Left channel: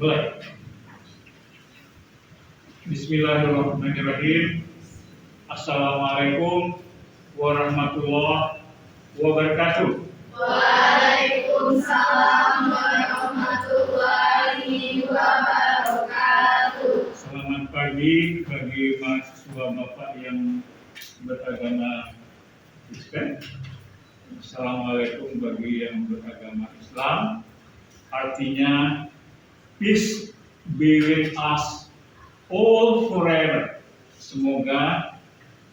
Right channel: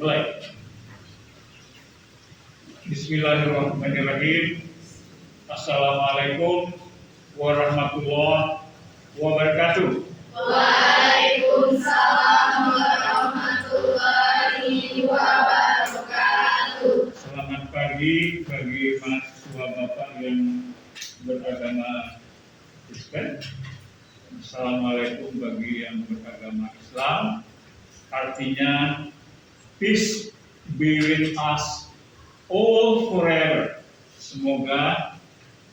Mulai. Bismillahirrahmanirrahim. Assalamualaikum warahmatullahi wabarakatuh. Waalaikumsalam warahmatullahi wabarakatuh. Selamat pagi bagi mahasiswa Bapak yang beragama Kristen. Assalamualaikum bagi yang beragama Islam. Artinya peace be with us all forever. Semoga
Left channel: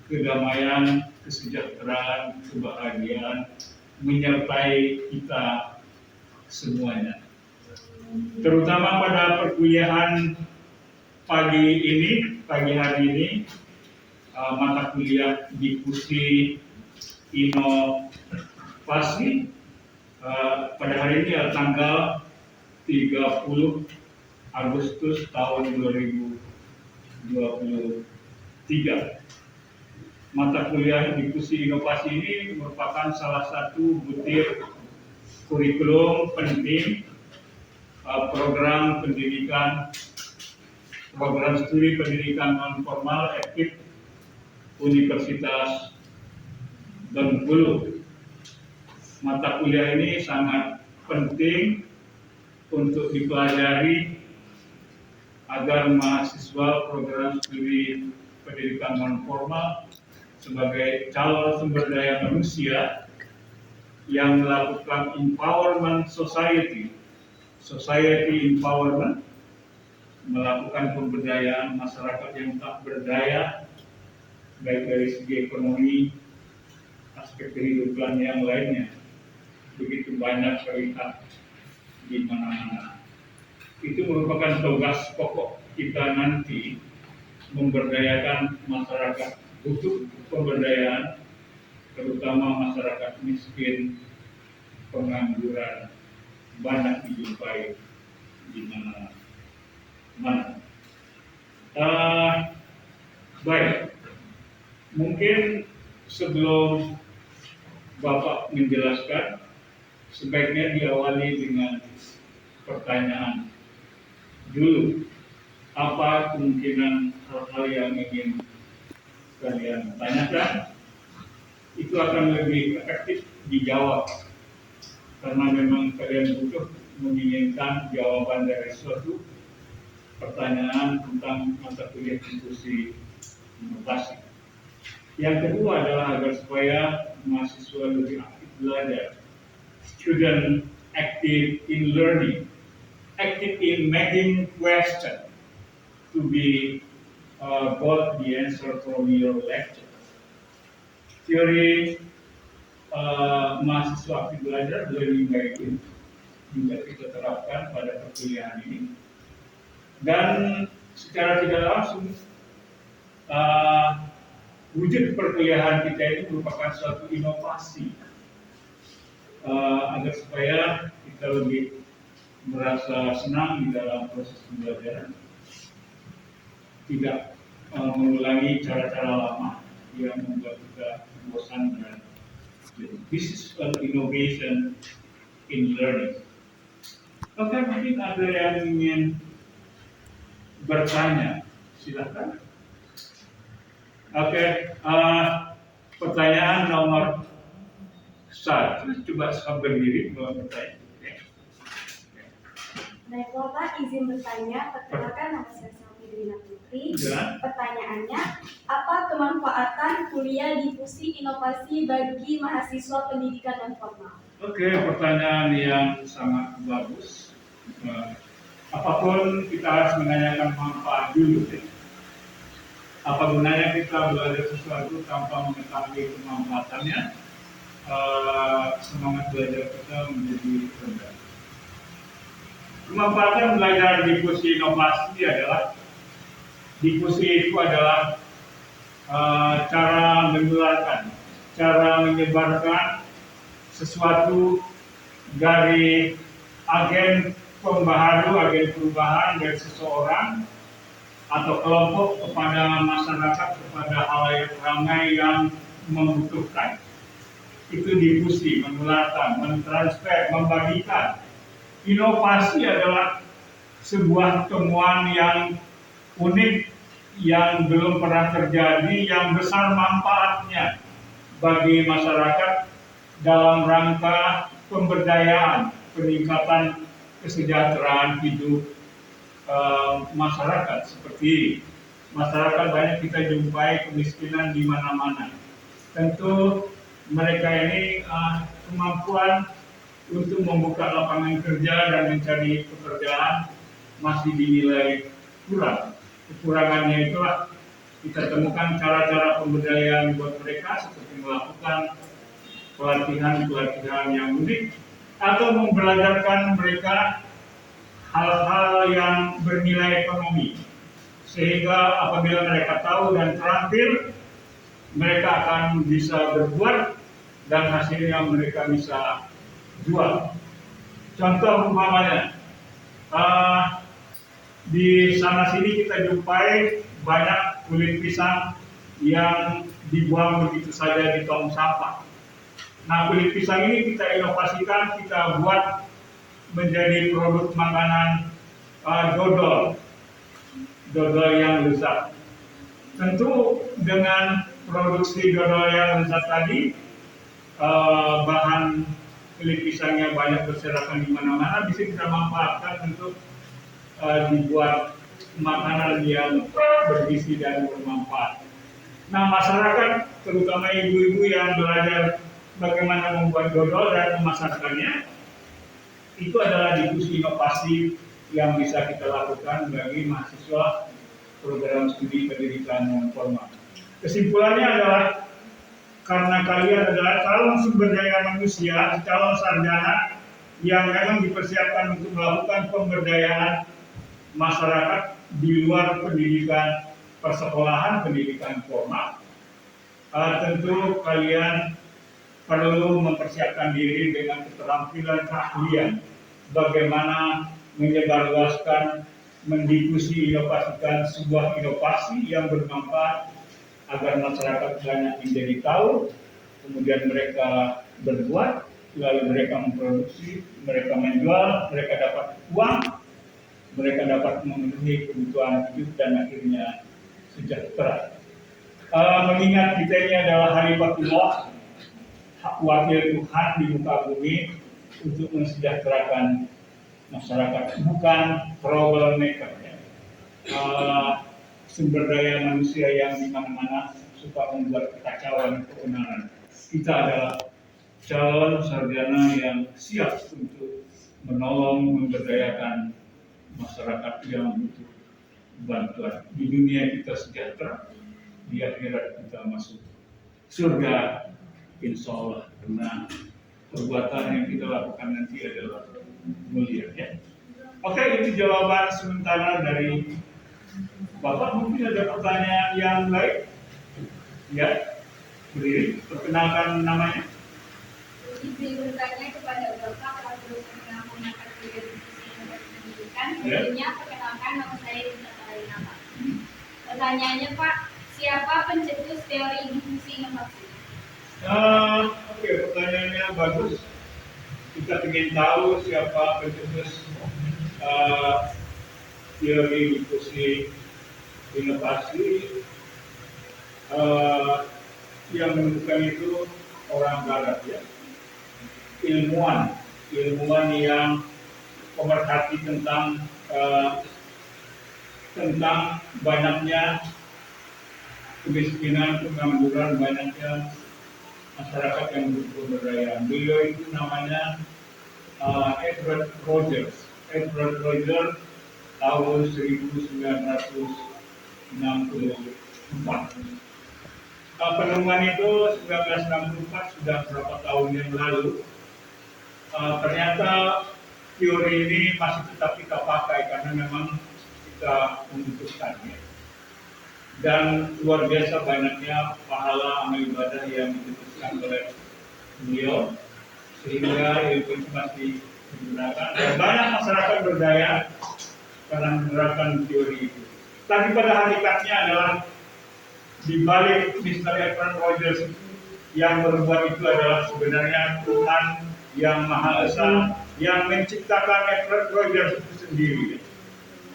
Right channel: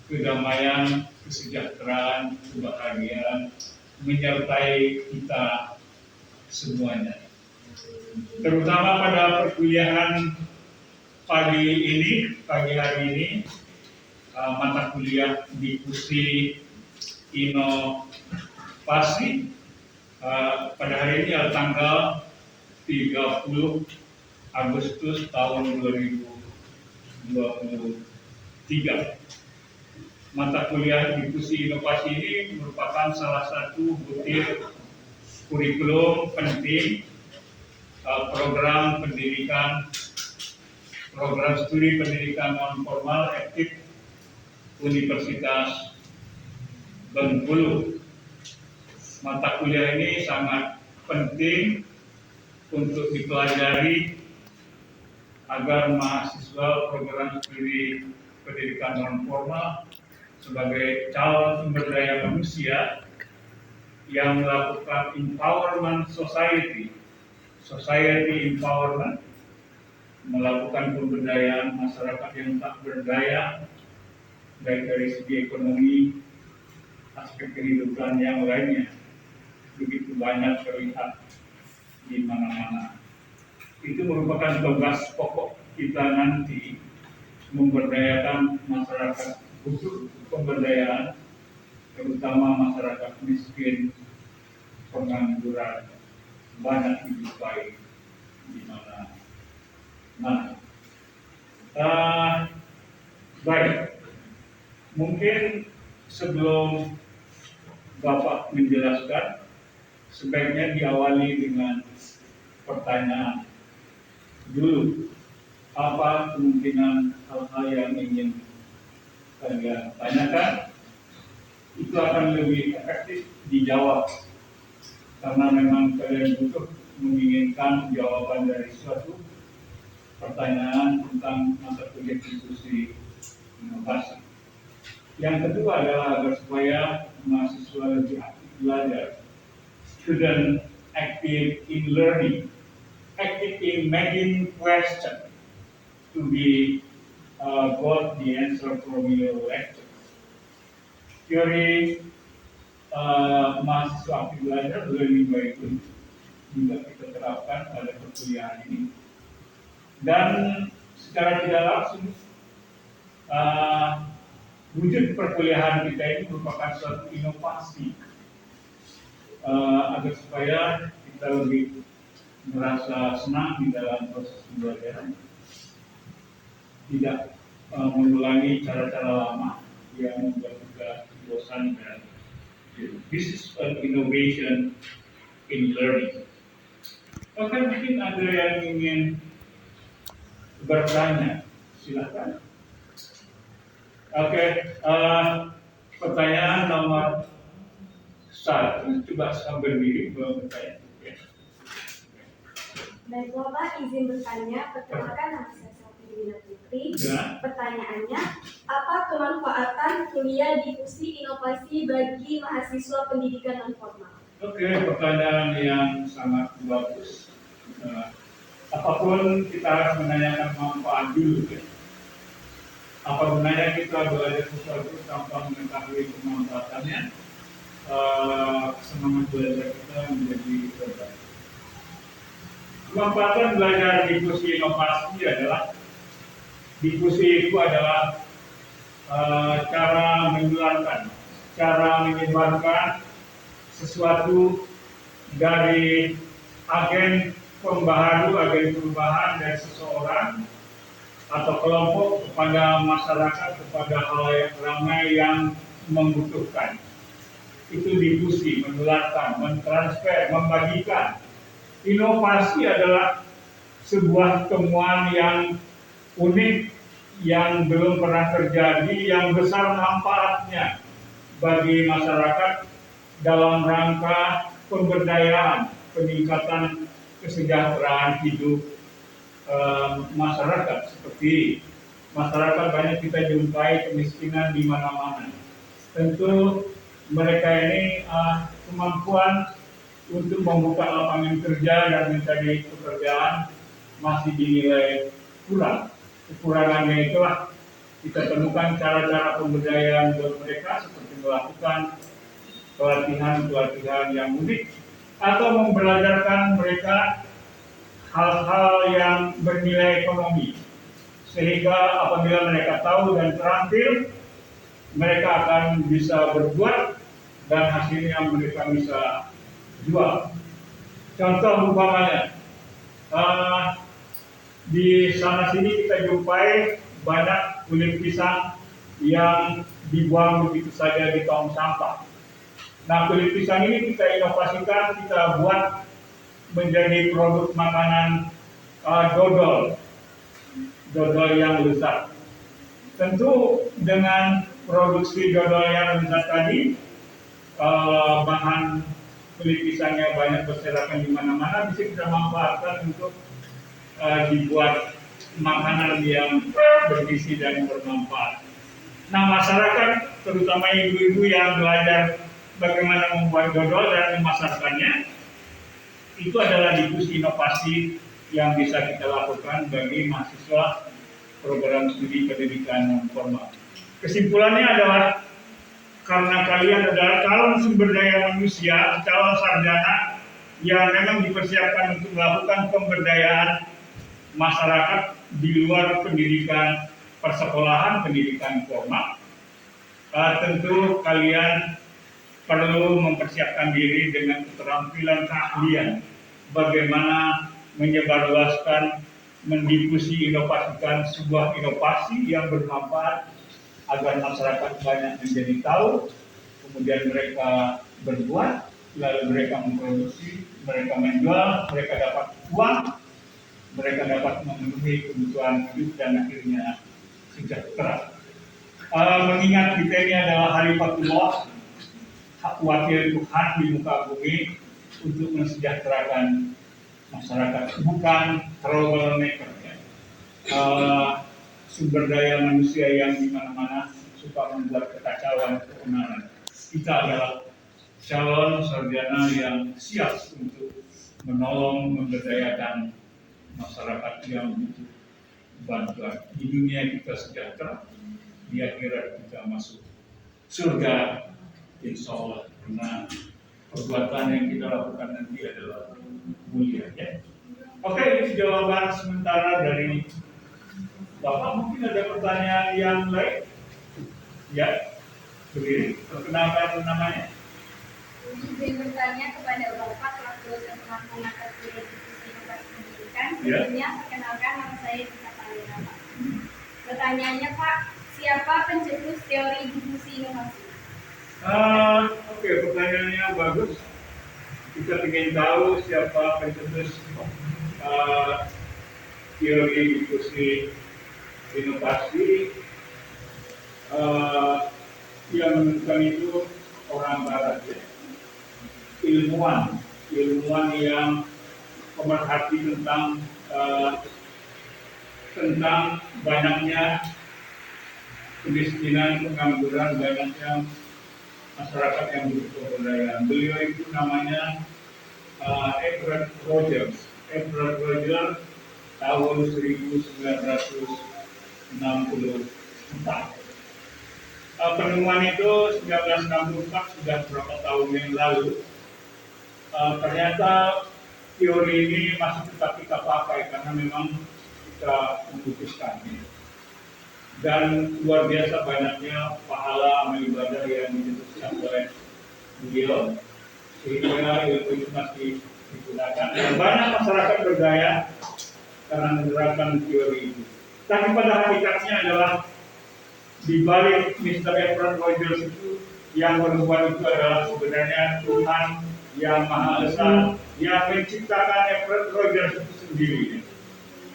kedamaian, kesejahteraan, kebahagiaan menyertai kita semuanya. Terutama pada perkuliahan pagi hari ini, mata kuliah diskusi inovasi pada hari ini tanggal 30 Agustus tahun 2023. Mata kuliah diskusi inovasi ini merupakan salah satu butir kurikulum penting program studi pendidikan non formal aktif Universitas Bengkulu. Mata kuliah ini sangat penting untuk dipelajari agar mahasiswa program studi pendidikan non formal sebagai calon sumber daya manusia yang melakukan empowerment society empowerment, melakukan pemberdayaan masyarakat yang tak berdaya, baik dari segi ekonomi, aspek kehidupan yang lainnya. Begitu banyak terlihat di mana-mana. Itu merupakan tugas pokok kita nanti, memberdayakan masyarakat, butuh pemberdayaan, terutama masyarakat miskin, pengangguran, banyak dijumpai di mana-mana. Baik, mungkin sebelum Bapak menjelaskan, sebaiknya diawali dengan pertanyaan dulu. Apa kemungkinan hal-hal yang ingin kalian tanyakan? Itu akan lebih efektif dijawab, karena memang kalian butuh menginginkan jawaban dari suatu pertanyaan tentang mata kuliah diskusi inovasi. Yang kedua adalah agar supaya mahasiswa lebih aktif belajar. Student active in learning, active in making question to be got the answer from your lecture. Teori mahasiswa aktif belajar learning by doing juga kita terapkan pada perkuliahan ini, dan secara tidak langsung wujud perkuliahan kita ini merupakan suatu inovasi agar supaya kita lebih merasa senang di dalam proses pembelajaran, tidak mengulangi cara-cara lama yang membuat kita bosan dan this is an innovation in learning. Oke, mungkin ada yang ingin bertanya, silakan. Oke, pertanyaan nomor 1, coba berdiri bertanya. Baik, Bapak izin bertanya. Perkenalkan, nama saya Selvi Dewina Putri. Ya. Pertanyaannya, apa kemanfaatan kuliah diskusi inovasi bagi mahasiswa pendidikan non formal? Oke, pertanyaan yang sangat bagus. Apapun kita harus menanyakan manfaat dulu, ya. Apa gunanya kita belajar sesuatu tanpa mengetahui kemanfaatannya? Semangat belajar kita menjadi rendah. Kemanfaatan belajar diskusi inovasi adalah, diskusi itu adalah cara menularkan, cara menyebarkan sesuatu dari agen pembaharu, agen perubahan dari seseorang atau kelompok kepada masyarakat, kepada halayak ramai yang membutuhkan. Itu difusi, menularkan, mentransfer, membagikan. Inovasi adalah sebuah temuan yang unik, yang belum pernah terjadi, yang besar manfaatnya bagi masyarakat dalam rangka pemberdayaan, peningkatan kesejahteraan hidup masyarakat. Seperti masyarakat banyak kita jumpai kemiskinan di mana-mana. Tentu mereka ini kemampuan untuk membuka lapangan kerja dan mencari pekerjaan masih dinilai kurang. Kekurangannya itulah kita temukan cara-cara pemberdayaan buat mereka seperti melakukan pelatihan-pelatihan yang unik atau membelajarkan mereka hal-hal yang bernilai ekonomi, sehingga apabila mereka tahu dan terampil, mereka akan bisa berbuat dan hasilnya mereka bisa jual. Contoh umpamanya, di sana sini kita jumpai banyak kulit pisang yang dibuang begitu saja di tong sampah. Nah, kulit pisang ini kita inovasikan, kita buat menjadi produk makanan dodol yang lezat. Tentu dengan produksi dodol yang lezat tadi, bahan kulit pisangnya banyak berserakan di mana-mana, bisa kita manfaatkan untuk dibuat makanan yang bergizi dan bermanfaat. Nah, masyarakat, terutama ibu-ibu yang belajar bagaimana membuat dodol dan memasarkannya, itu adalah diskusi inovasi yang bisa kita lakukan bagi mahasiswa program studi pendidikan non formal. Kesimpulannya adalah karena kalian adalah calon sumber daya manusia, calon sarjana yang memang dipersiapkan untuk melakukan pemberdayaan masyarakat di luar pendidikan persekolahan, pendidikan formal. Tentu kalian perlu mempersiapkan diri dengan keterampilan keahlian bagaimana menyebarluaskan, mendifusi, inovasikan sebuah inovasi yang bermanfaat agar masyarakat banyak menjadi tahu, kemudian mereka berbuat, lalu mereka memproduksi, mereka menjual, mereka dapat uang, mereka dapat memenuhi kebutuhan hidup dan akhirnya sejahtera. Mengingat kita ini adalah halifatullah, hak wakil Tuhan di muka bumi untuk mensejahterakan masyarakat, bukan troublemaker, ya. Sumber daya manusia yang di mana-mana suka membuat kekacauan, keonaran. Kita adalah calon sarjana yang siap untuk menolong, memberdayakan masyarakat yang butuh bantuan. Di dunia kita sejahtera, di akhirat kita masuk surga, insya Allah. Karena perbuatan yang kita lakukan nanti adalah mulia, ya. Oke, itu jawaban sementara dari Bapak. Mungkin ada pertanyaan yang lain? Ya, berdiri, perkenalkan namanya. Izin bertanya kepada Bapak selaku dosen melaksanakan studi inovasi pendidikan. Ya. Sebelumnya perkenalkan nama saya Rita Karina, Pak. Pertanyaannya, Pak, siapa pencetus teori difusi inovasi? Oke, pertanyaannya bagus. Kita ingin tahu siapa pencetus teori difusi inovasi. Yang menentukan itu orang Barat, ya. Ilmuwan yang pemerhati tentang banyaknya kemiskinan, pengangguran, banyaknya masyarakat yang butuh pemberdayaan. Beliau itu namanya Edward Rogers. Edward Rogers tahun 1964. Penemuan itu 1964, sudah berapa tahun yang lalu. Ternyata teori ini masih tetap kita pakai karena memang kita membutuhkannya. Dan luar biasa banyaknya pahala amal ibadah yang diputuskan oleh beliau, sehingga ilmu itu masih digunakan. Banyak masyarakat berdaya karena menerapkan teori itu. Tapi pada hakikatnya adalah di balik Mr. Edward Rogers itu, yang berbuat itu adalah sebenarnya Tuhan yang Maha Esa yang menciptakan Edward Rogers itu sendiri.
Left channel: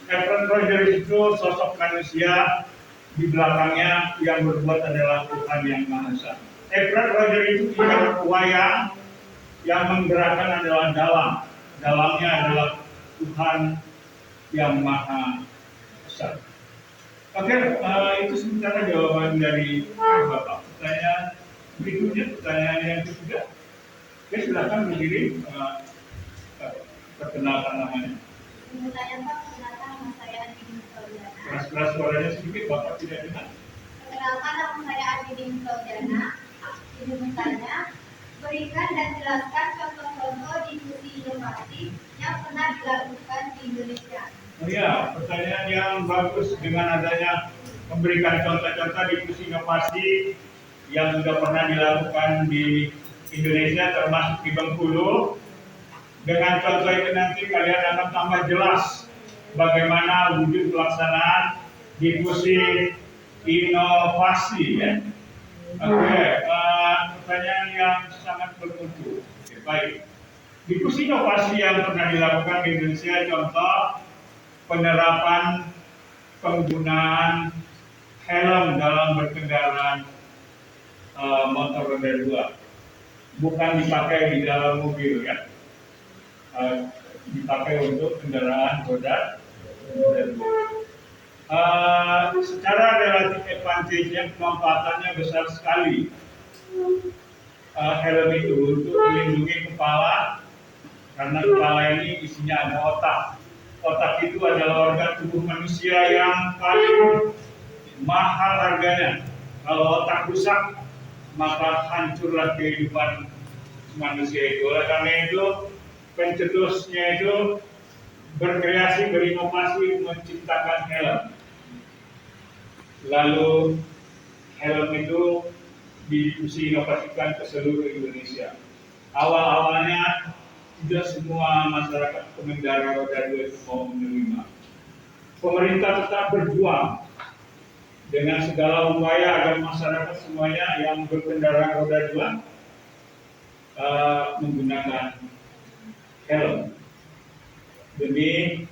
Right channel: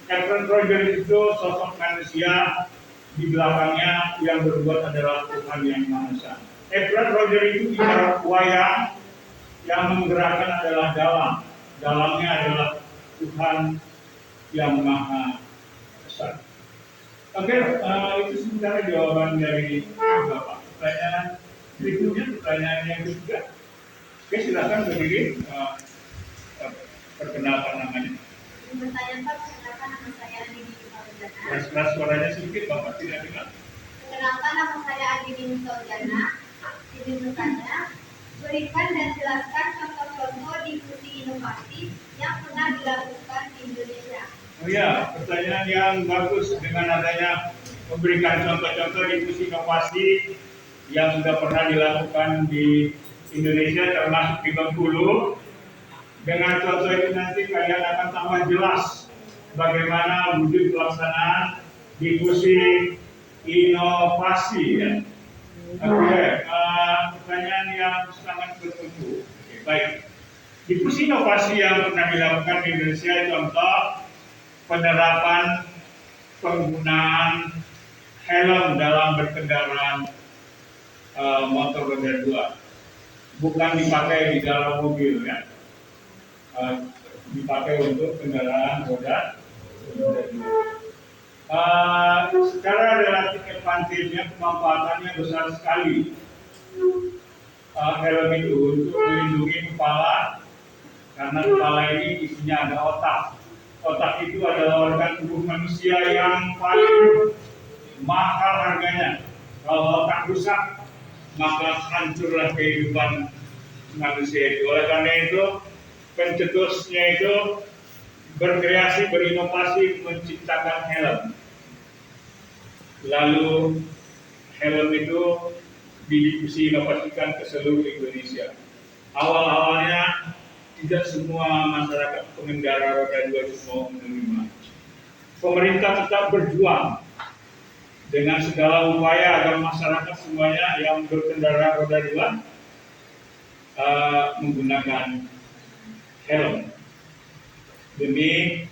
Efren Rogers itu sosok manusia, di belakangnya yang berbuat adalah Tuhan yang Maha Esa. Efren Rogers itu ibarat wayang, yang menggerakkan adalah dalamnya adalah Tuhan yang Maha Esa. Oke, itu sementara jawaban dari Bapak. Pertanyaan berikutnya, pertanyaan yang ketiga. Oke, silakan berdiri, perkenalkan namanya. Bertanya Pak, perkenalkan nama saya Andi Dini Fauzana. Keras-keras suaranya sedikit, Bapak tidak dengar. Perkenalkan nama saya Andi Dini Fauzana. Ini bertanya, berikan dan jelaskan contoh-contoh diskusi inovasi yang pernah dilakukan di Indonesia. Oh ya, pertanyaan yang bagus dengan adanya memberikan contoh-contoh diskusi inovasi yang sudah pernah dilakukan di Indonesia termasuk di Bengkulu. Dengan contoh itu nanti kalian akan tambah jelas bagaimana wujud pelaksanaan diskusi inovasi ya. Oke, pertanyaan yang sangat bermutu. Oke, baik. Diskusi inovasi yang pernah dilakukan di Indonesia, contoh penerapan penggunaan helm dalam berkendara motor roda 2, bukan dipakai di dalam mobil ya, dipakai untuk kendaraan roda 2. Secara relatif advantage-nya, kemanfaatannya besar sekali. Helm itu untuk melindungi kepala, karena kepala ini isinya ada otak. Otak itu adalah organ tubuh manusia yang paling mahal harganya. Kalau otak rusak, maka hancurlah kehidupan manusia itu. Oleh karena itu, pencetusnya itu berkreasi, berinovasi, menciptakan helm. Lalu helm itu didiskusi inovasikan ke seluruh Indonesia. Awal-awalnya tidak semua masyarakat pengendara roda 2 itu mau menerima. Pemerintah tetap berjuang dengan segala upaya agar masyarakat semuanya yang berkendara roda 2 menggunakan helm demi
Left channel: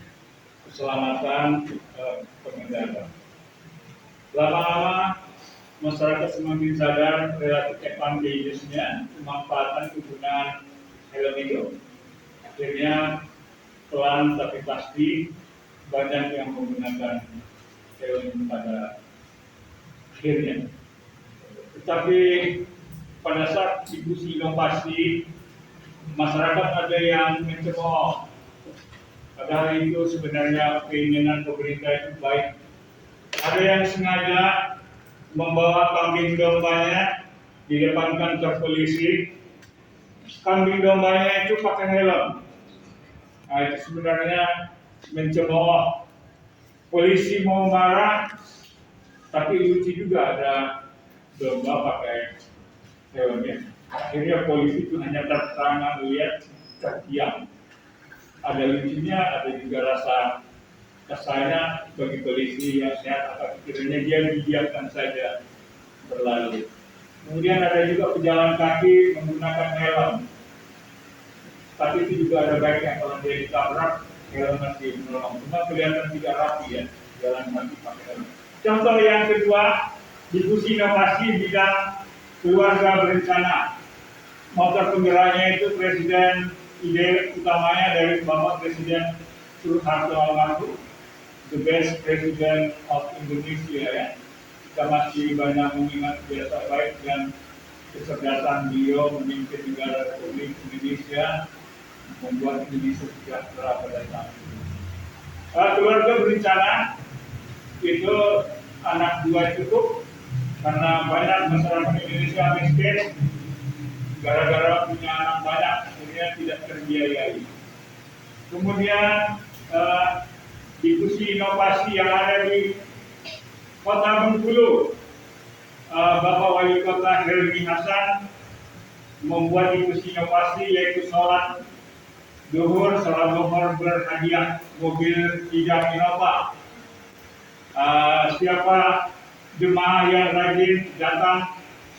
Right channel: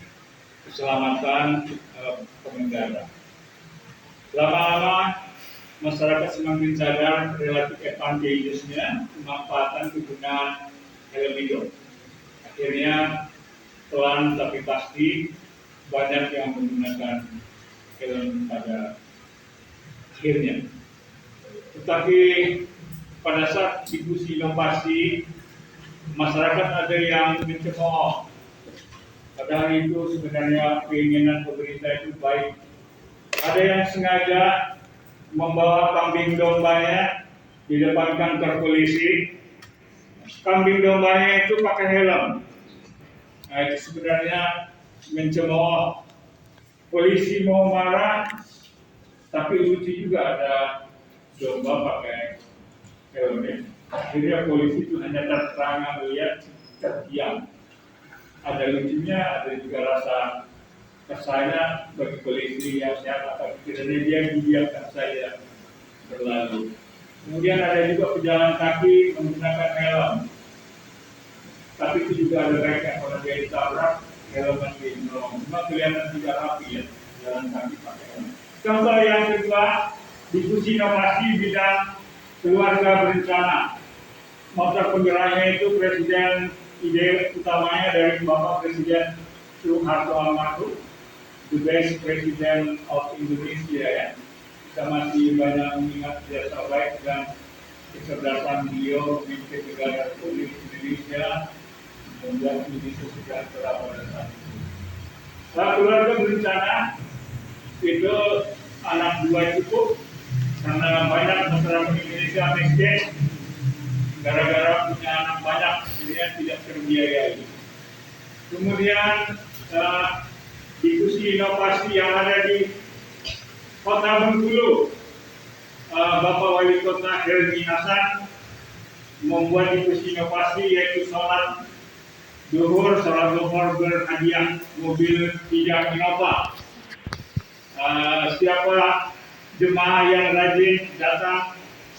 keselamatan pengendara. Lama-lama masyarakat semakin sadar relatif advantages-nya, kemanfaatan penggunaan helm itu. Akhirnya pelan tapi pasti banyak yang menggunakan helm pada akhirnya. Tetapi pada saat diskusi inovasi, masyarakat ada yang mencemooh. Padahal itu sebenarnya keinginan pemerintah itu baik. Ada yang sengaja membawa kambing dombanya di depan kantor polisi. Kambing dombanya itu pakai helm. Nah, itu sebenarnya mencemooh. Polisi mau marah, tapi lucu juga ada domba pakai helmnya. Akhirnya polisi itu hanya tertangan lihat, terdiam. Ada lucunya, ada juga rasa kesannya bagi polisi yang sehat, apa pikirannya dia didiamkan saja berlalu. Kemudian ada juga pejalan kaki menggunakan helm. Tapi itu juga ada baiknya kalau dia ditabrak, helm masih menolong. Cuma kelihatan tidak rapi ya, jalan kaki pakai helm. Contoh yang kedua, diskusi inovasi bidang keluarga berencana. Motor penggeraknya itu presiden, ide utamanya dari Bapak Presiden Soeharto almarhum, the best president of Indonesia ya. Kita masih banyak mengingat jasa baik dan kecerdasan beliau memimpin negara Republik Indonesia, membuat Indonesia sejahtera pada saat itu. Keluarga berencana itu anak 2 cukup, karena banyak masyarakat Indonesia miskin, gara-gara punya anak banyak, akhirnya tidak terbiayai. Kemudian diskusi inovasi yang ada di Kota Bengkulu, Bapak Wali Kota Helmi Hasan membuat diskusi inovasi yaitu sholat duhur berhadiah mobil 3 Innova. Siapa jemaah yang rajin datang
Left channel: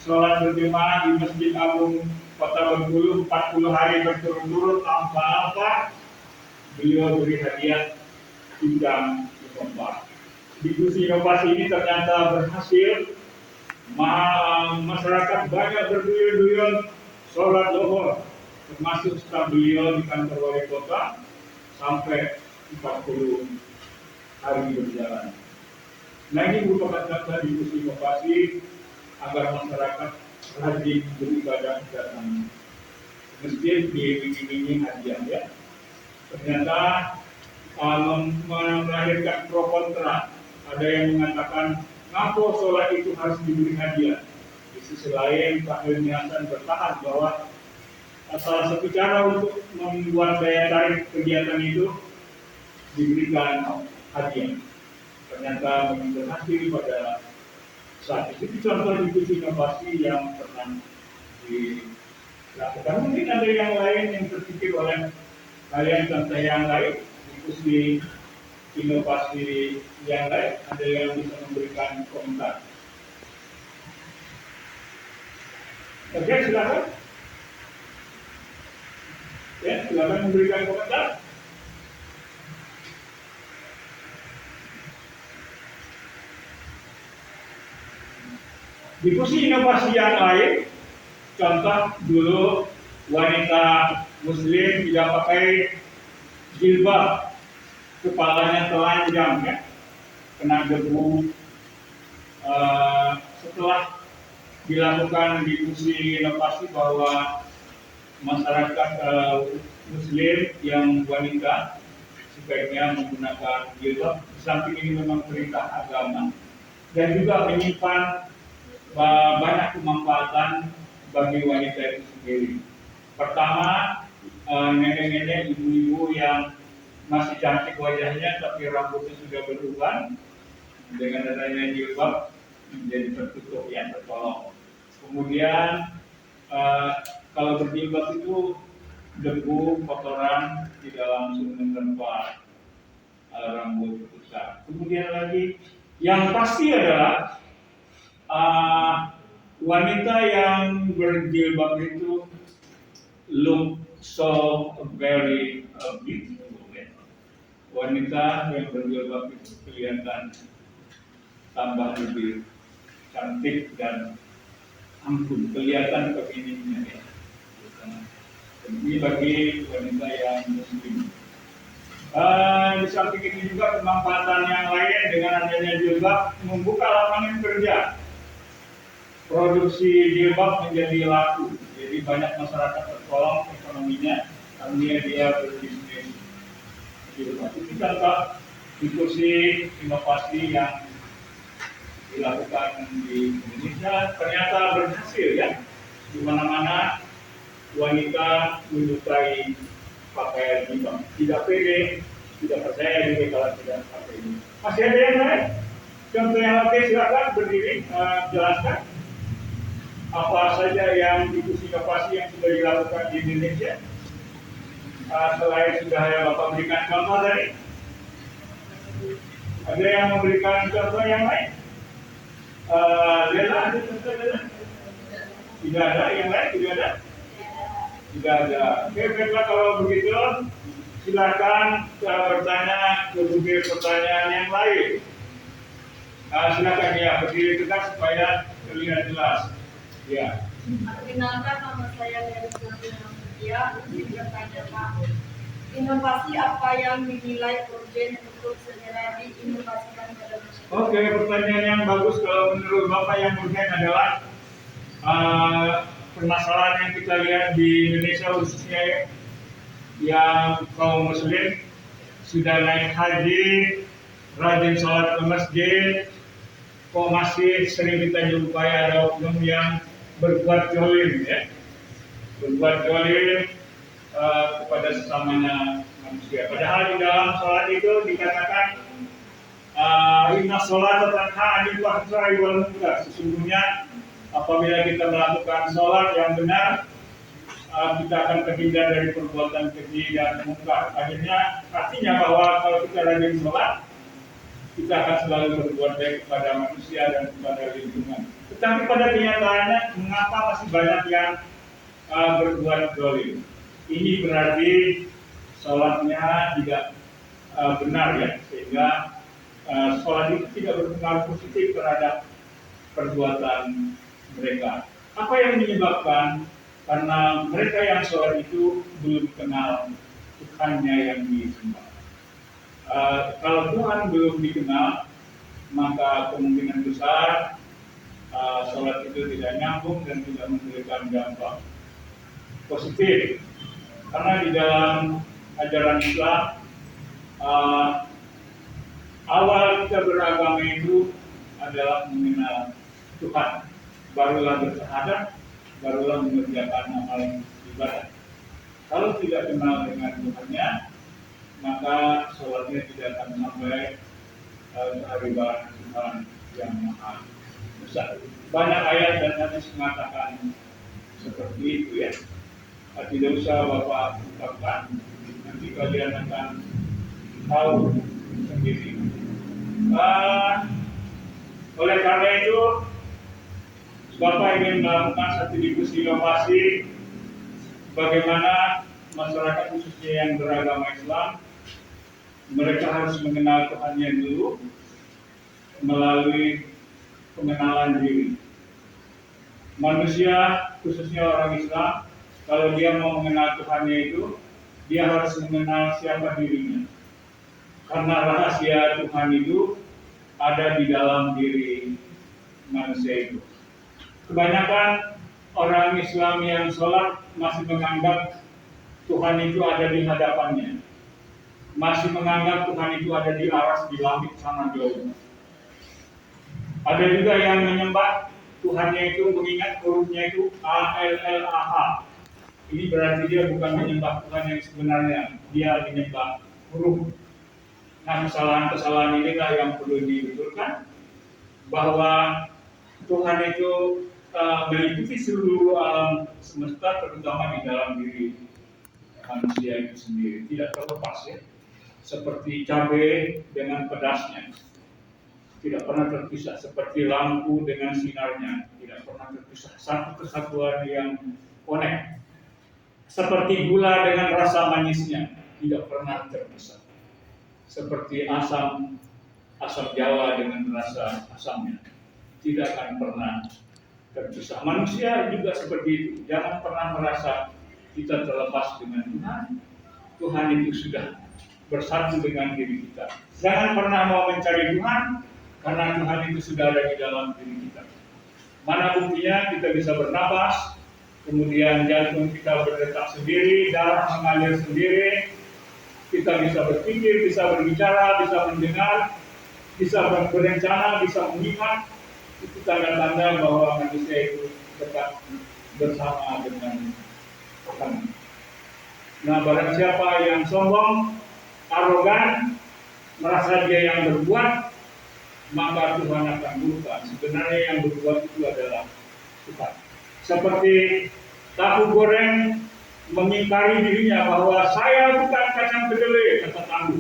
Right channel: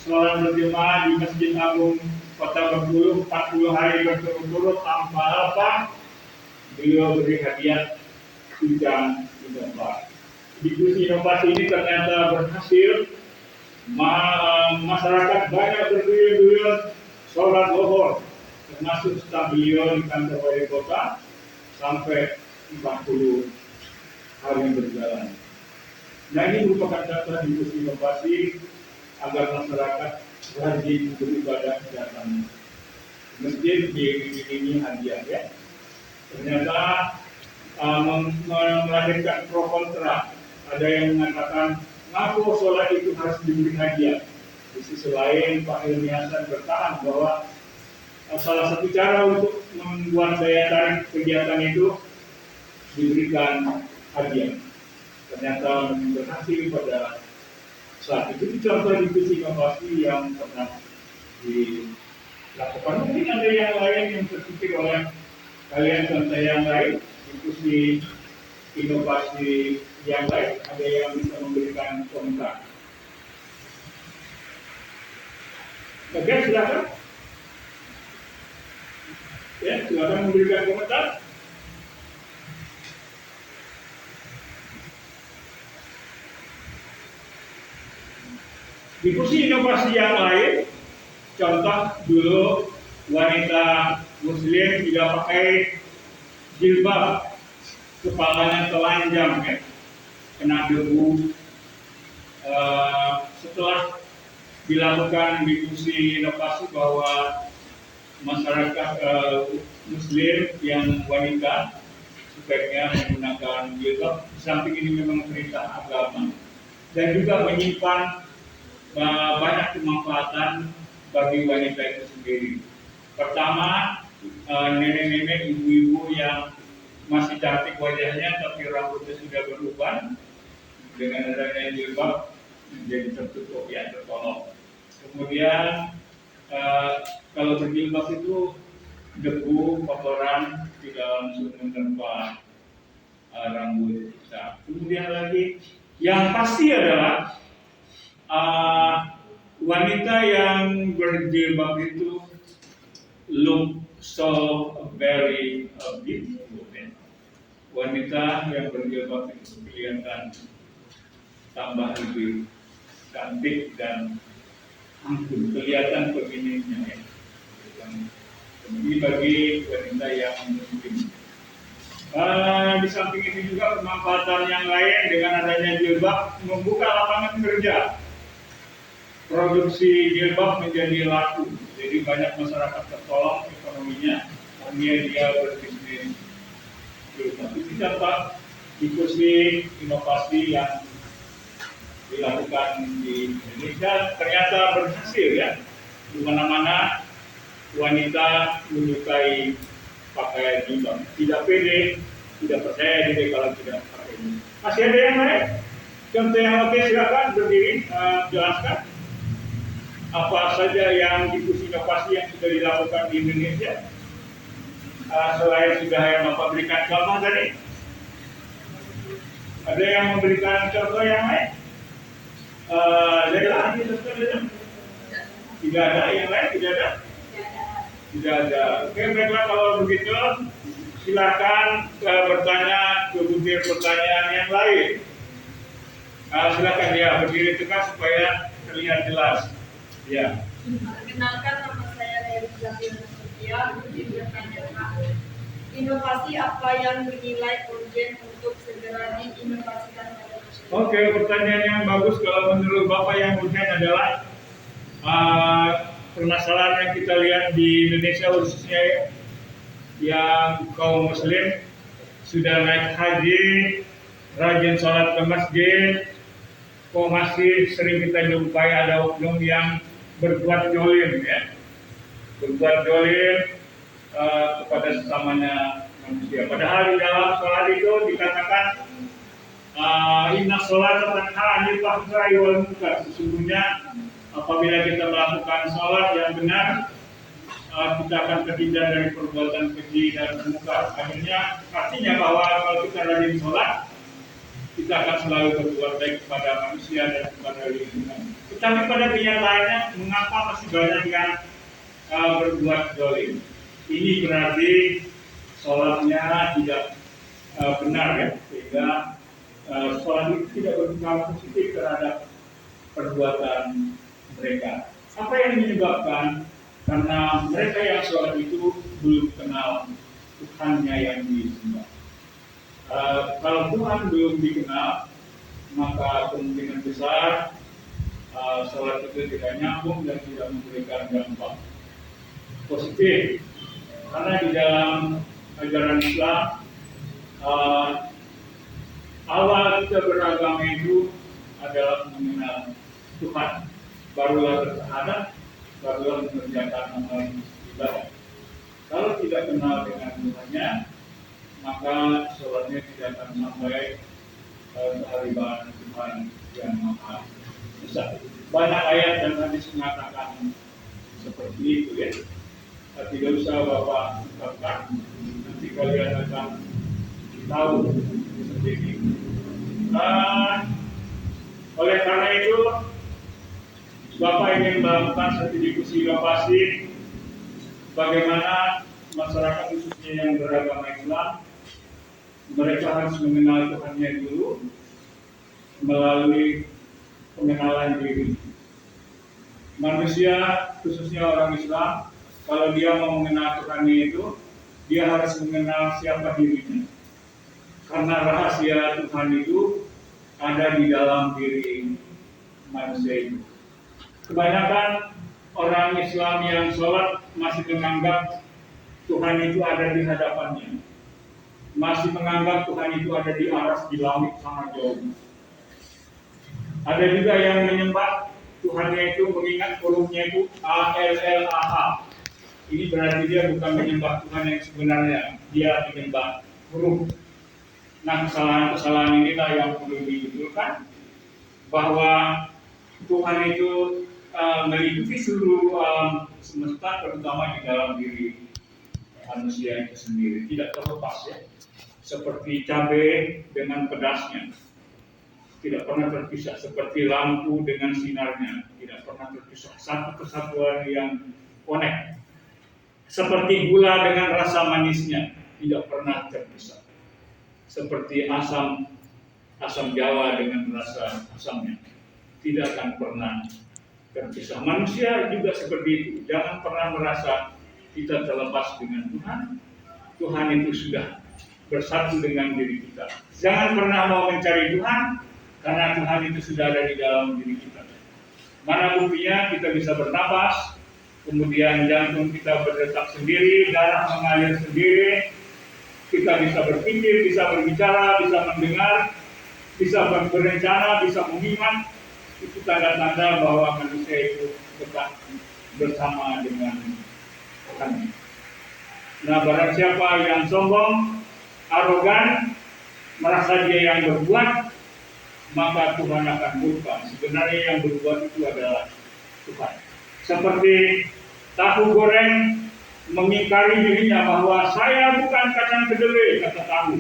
sholat berjemaah di Masjid Agung Kota Bengkulu 40 hari berturut-turut tanpa apa, beliau beri hadiah bidang inovasi. Diskusi inovasi ini ternyata berhasil. Masyarakat banyak berduyun-duyun sholat lohor, termasuk staf beliau di kantor wali kota sampai 40 hari berjalan. Nah, ini merupakan contoh diskusi inovasi agar masyarakat rajin beribadah datang masjid diiringi hadiah ya. Ternyata melahirkan pro kontra. Ada yang mengatakan ngaku sholat itu harus diberi hadiah. Di sisi lain Pak Hilmi Hasan bertahan bahwa salah satu cara untuk membuat daya tarik kegiatan itu diberikan hadiah. Ternyata berhasil pada saat itu. Itu contoh diskusi inovasi yang pernah dilakukan. Mungkin ada yang lain yang terpikir oleh kalian, contoh yang lain diskusi inovasi yang lain, ada yang bisa memberikan komentar. Oke, silakan. Ya, silakan memberikan komentar. Diskusi inovasi yang lain, contoh dulu wanita Muslim tidak pakai jilbab, kepalanya telanjang ya, kena debu. Setelah dilakukan diskusi inovasi bahwa masyarakat Muslim yang wanita sebaiknya menggunakan jilbab, di samping ini memang perintah agama dan juga menyimpan banyak kemanfaatan bagi wanita itu sendiri. Pertama, nenek-nenek, ibu-ibu yang masih cantik wajahnya tapi rambutnya sudah beruban, dengan adanya jilbab menjadi tertutup ya, tertolong. Kemudian kalau berjilbab itu debu, kotoran tidak langsung menerpa rambut kita. Kemudian lagi yang pasti adalah wanita yang berjilbab itu look so very beautiful. Wanita yang berjilbab itu kelihatan tambah lebih cantik dan anggun, kelihatan feminimnya ya. Ini bagi wanita yang muslim. Di samping itu juga pemanfaatan yang lain dengan adanya jilbab membuka lapangan kerja. Produksi jilbab menjadi laku, jadi banyak masyarakat tertolong ekonominya karena dia berbisnis jilbab. Itu contoh diskusi inovasi yang dilakukan di Indonesia ternyata berhasil ya. Di mana-mana wanita menyukai pakaian jilbab, tidak pede, tidak percaya diri kalau tidak pakai ini. Masih ada yang lain? Contoh yang oke, silakan berdiri, jelaskan apa saja yang diskusi inovasi yang sudah dilakukan di Indonesia. Selain sudah yang Bapak berikan contoh tadi, ada yang memberikan contoh yang lain? Lela, ada contoh Lela? Tidak ada, yang lain tidak ada? Tidak ada. Oke, baiklah kalau begitu silakan bertanya ke butir pertanyaan yang lain. Silakan ya, berdiri tegak supaya terlihat jelas. Ya. Perkenalkan, nama saya Dewi Zafir Nasutia. Izin bertanya Pak, inovasi apa yang dinilai urgent untuk segera diinovasikan pada masyarakat? Oke, pertanyaan yang bagus. Kalau menurut Bapak yang urgent adalah permasalahan yang kita lihat di Indonesia khususnya yang kaum muslim sudah naik haji, rajin sholat ke masjid, kok masih sering kita jumpai ada oknum yang berbuat jolim ya, berbuat jolim kepada sesamanya manusia. Padahal di dalam sholat itu dikatakan inna sholat tanha 'anil fahsya'i wal munkar. Sesungguhnya apabila kita melakukan sholat yang benar, kita akan terhindar dari perbuatan keji dan munkar. Akhirnya artinya bahwa kalau kita rajin sholat, kita akan selalu berbuat baik kepada manusia dan kepada lingkungan. Tetapi pada kenyataannya, mengapa masih banyak yang berbuat zalim? Ini berarti sholatnya tidak benar ya, sehingga sholat itu tidak berpengaruh positif terhadap perbuatan mereka. Apa yang menyebabkan? Karena mereka yang sholat itu belum kenal Tuhannya yang disembah. Kalau Tuhan belum dikenal, maka kemungkinan besar sholat itu tidak nyambung dan tidak memberikan dampak positif. Karena di dalam ajaran Islam, awal kita beragama itu adalah mengenal Tuhan, barulah bersyahadat, barulah mengerjakan amal ibadah. Kalau tidak kenal dengan Tuhannya, maka sholatnya tidak akan sampai kehadiran Tuhan yang maha besar. Banyak ayat dan hadis mengatakan seperti itu ya. Tidak usah Bapak ungkapkan, nanti kalian akan tahu sendiri. Oleh karena itu, Bapak ingin melakukan satu diskusi inovasi bagaimana masyarakat khususnya yang beragama Islam, mereka harus mengenal Tuhannya dulu melalui pengenalan diri. Manusia, khususnya orang Islam, kalau dia mau mengenal Tuhannya itu, dia harus mengenal siapa dirinya. Karena rahasia Tuhan itu ada di dalam diri manusia itu. Kebanyakan orang Islam yang sholat masih menganggap Tuhan itu ada di hadapannya, masih menganggap Tuhan itu ada di aras, di langit sana jauh. Ada juga yang menyembah Tuhannya itu mengingat hurufnya itu ALLAH. Ini berarti dia bukan menyembah Tuhan yang sebenarnya, dia menyembah huruf. Nah, kesalahan-kesalahan inilah yang perlu dibetulkan, bahwa Tuhan itu meliputi seluruh alam semesta, terutama di dalam diri manusia itu sendiri, tidak terlepas ya. Seperti cabai dengan pedasnya, tidak pernah terpisah. Seperti lampu dengan sinarnya, tidak pernah terpisah. Satu kesatuan yang connect. Seperti gula dengan rasa manisnya, tidak pernah terpisah. Seperti asam Jawa dengan rasa asamnya, tidak akan pernah terpisah. Manusia juga seperti itu. Jangan pernah merasa kita terlepas dengan Tuhan. Tuhan itu sudah bersatu dengan diri kita. Jangan pernah mau mencari Tuhan, karena Tuhan itu sudah ada di dalam diri kita. Mana buktinya? Kita bisa bernapas, kemudian jantung kita berdetak sendiri, darah mengalir sendiri, kita bisa berpikir, bisa berbicara, bisa mendengar, bisa berencana, bisa mengingat. Itu tanda-tanda bahwa manusia itu tetap bersama dengan Tuhan. Nah, barang siapa yang sombong, arogan, merasa dia yang berbuat, maka Tuhan akan murka. Sebenarnya yang berbuat itu adalah Tuhan. Seperti tahu goreng mengingkari dirinya bahwa saya bukan kacang kedelai, kata tahu.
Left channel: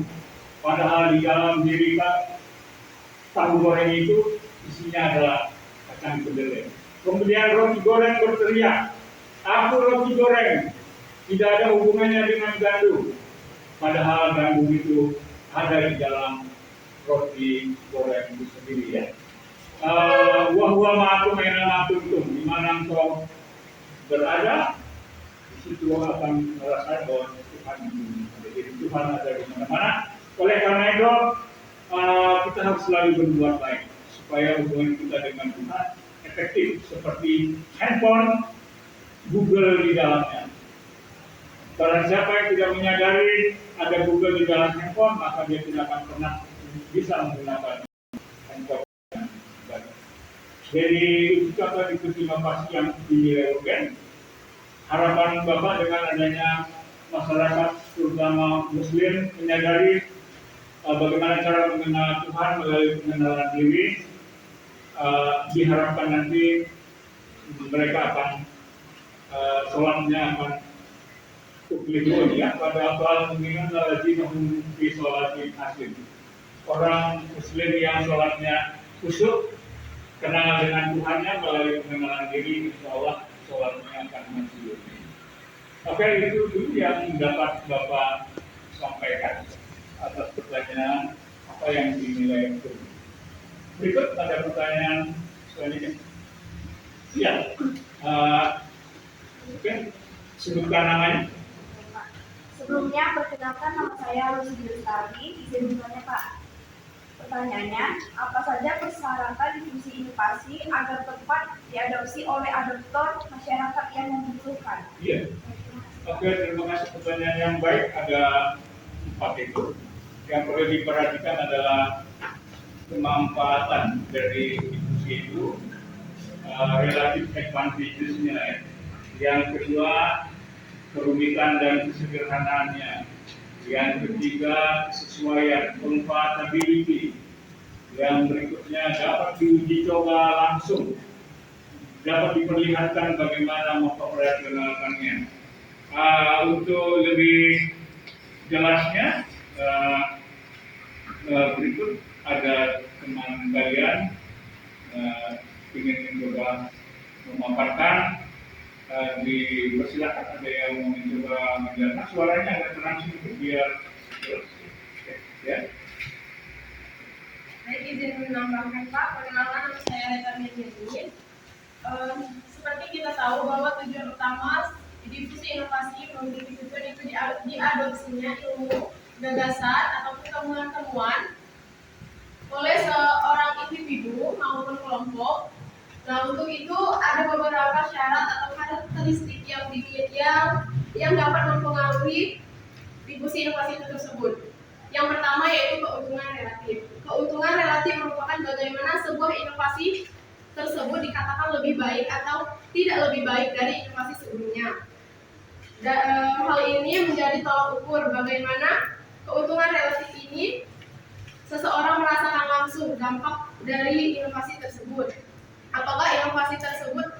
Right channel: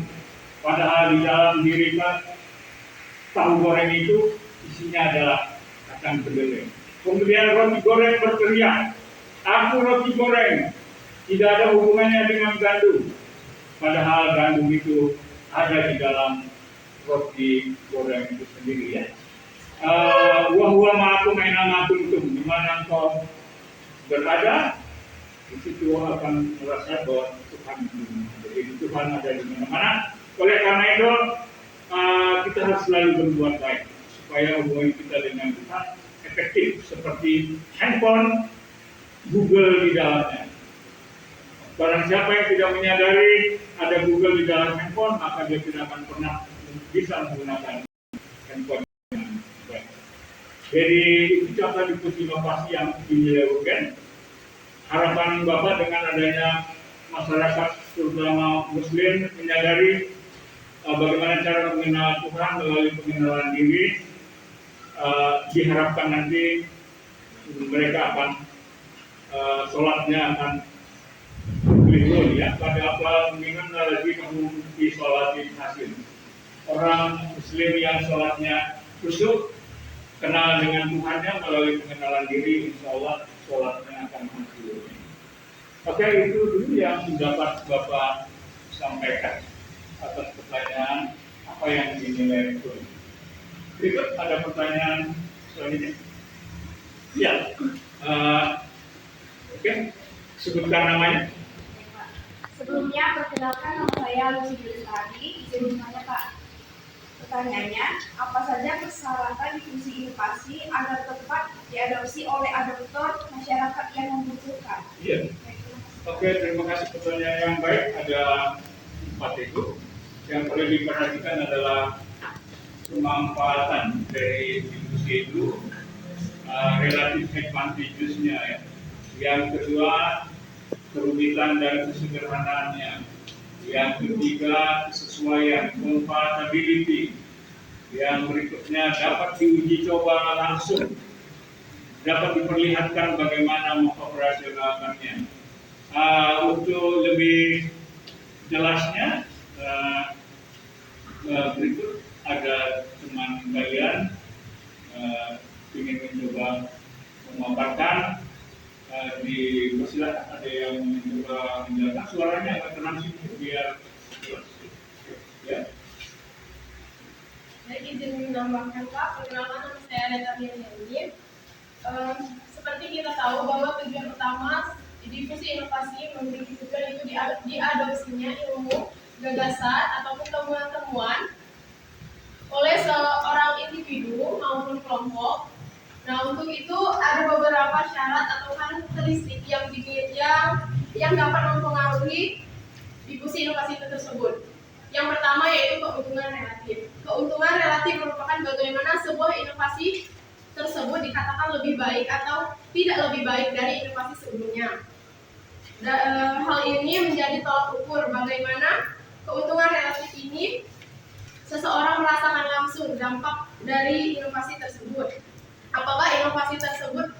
Padahal di dalam diri tahu goreng itu isinya adalah kacang kedelai. Kemudian roti goreng berteriak, aku roti goreng, tidak ada hubungannya dengan gandum. Padahal gandum itu ada di dalam roti goreng itu sendiri ya. Wahwa ma'akum aina ma kuntum, di mana engkau berada, di situ akan merasa bahwa Tuhan itu. Jadi Tuhan ada di mana-mana. Oleh karena itu kita harus selalu berbuat baik supaya hubungan kita dengan Tuhan efektif, seperti handphone, Google di dalamnya. Barang siapa yang tidak menyadari ada Google di dalam handphone, maka dia tidak akan pernah bisa menggunakan handphone dengan baik. Jadi itu contoh diskusi inovasi yang dinilai urgen. Harapan Bapak dengan adanya masyarakat terutama Muslim menyadari bagaimana cara mengenal Tuhan melalui pengenalan diri, diharapkan nanti mereka akan sholatnya akan keliru ya. Pada awal mengingat lagi di sholatin hasil. Orang Muslim yang sholatnya khusyuk, kenal dengan Tuhannya melalui pengenalan diri, insya Allah sholatnya akan hancur. Oke, itu dulu yang dapat Bapak sampaikan. atas pertanyaan apa yang dinilai perlu. Berikut ada pertanyaan selanjutnya. Ya, oke, sebutkan namanya. Sebelumnya, perkenalkan nama saya Lucy Lestari. Izin bertanya, Pak. Pertanyaannya, apa saja persyaratan diskusi inovasi agar tepat diadopsi oleh adoptor masyarakat yang membutuhkan? Iya. Oke, terima kasih pertanyaan yang baik. Ada 4 itu. Yang perlu diperhatikan adalah kemanfaatan dari diskusi itu, relatif advantages-nya ya. Yang kedua, kerumitan dan kesederhanaannya. Yang ketiga, kesesuaian, compatibility. Yang berikutnya, dapat diuji coba langsung, dapat diperlihatkan bagaimana mengoperasionalkannya. Untuk lebih jelasnya, berikut ada teman kalian ingin mencoba memaparkan. Dipersilakan, ada yang mencoba menjelaskan, suaranya agak tenang sedikit biar jelas. Ya. Baik, izin menambahkan Pak, perkenalkan nama saya Reta Mirjani. Seperti kita tahu bahwa tujuan utama diskusi inovasi memiliki tujuan itu diadopsinya ilmu, gagasan ataupun temuan-temuan oleh seorang individu maupun kelompok. Nah, untuk itu ada beberapa syarat atau karakteristik yang dapat mempengaruhi diskusi inovasi itu tersebut. Yang pertama yaitu keuntungan relatif. Keuntungan relatif merupakan bagaimana sebuah inovasi tersebut dikatakan lebih baik atau tidak lebih baik dari inovasi sebelumnya. Hal ini menjadi tolak ukur bagaimana keuntungan relatif ini seseorang merasakan langsung dampak dari inovasi tersebut. Apakah inovasi tersebut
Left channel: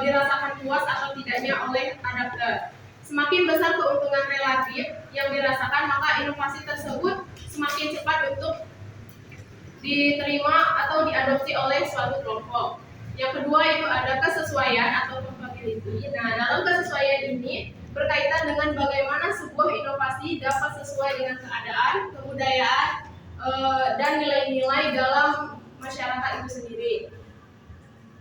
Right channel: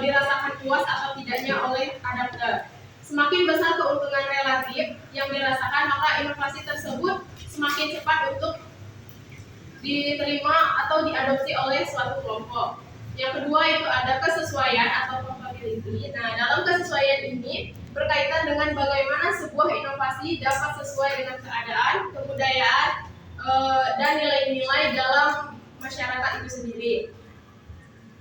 dirasakan puas atau tidaknya oleh adapter. Semakin besar keuntungan relatif yang dirasakan, maka inovasi tersebut semakin cepat untuk diterima atau diadopsi oleh suatu kelompok. Yang kedua itu ada kesesuaian atau compatibility. Nah, dalam kesesuaian ini berkaitan dengan bagaimana sebuah inovasi dapat sesuai dengan keadaan, kebudayaan, dan nilai-nilai dalam masyarakat itu sendiri.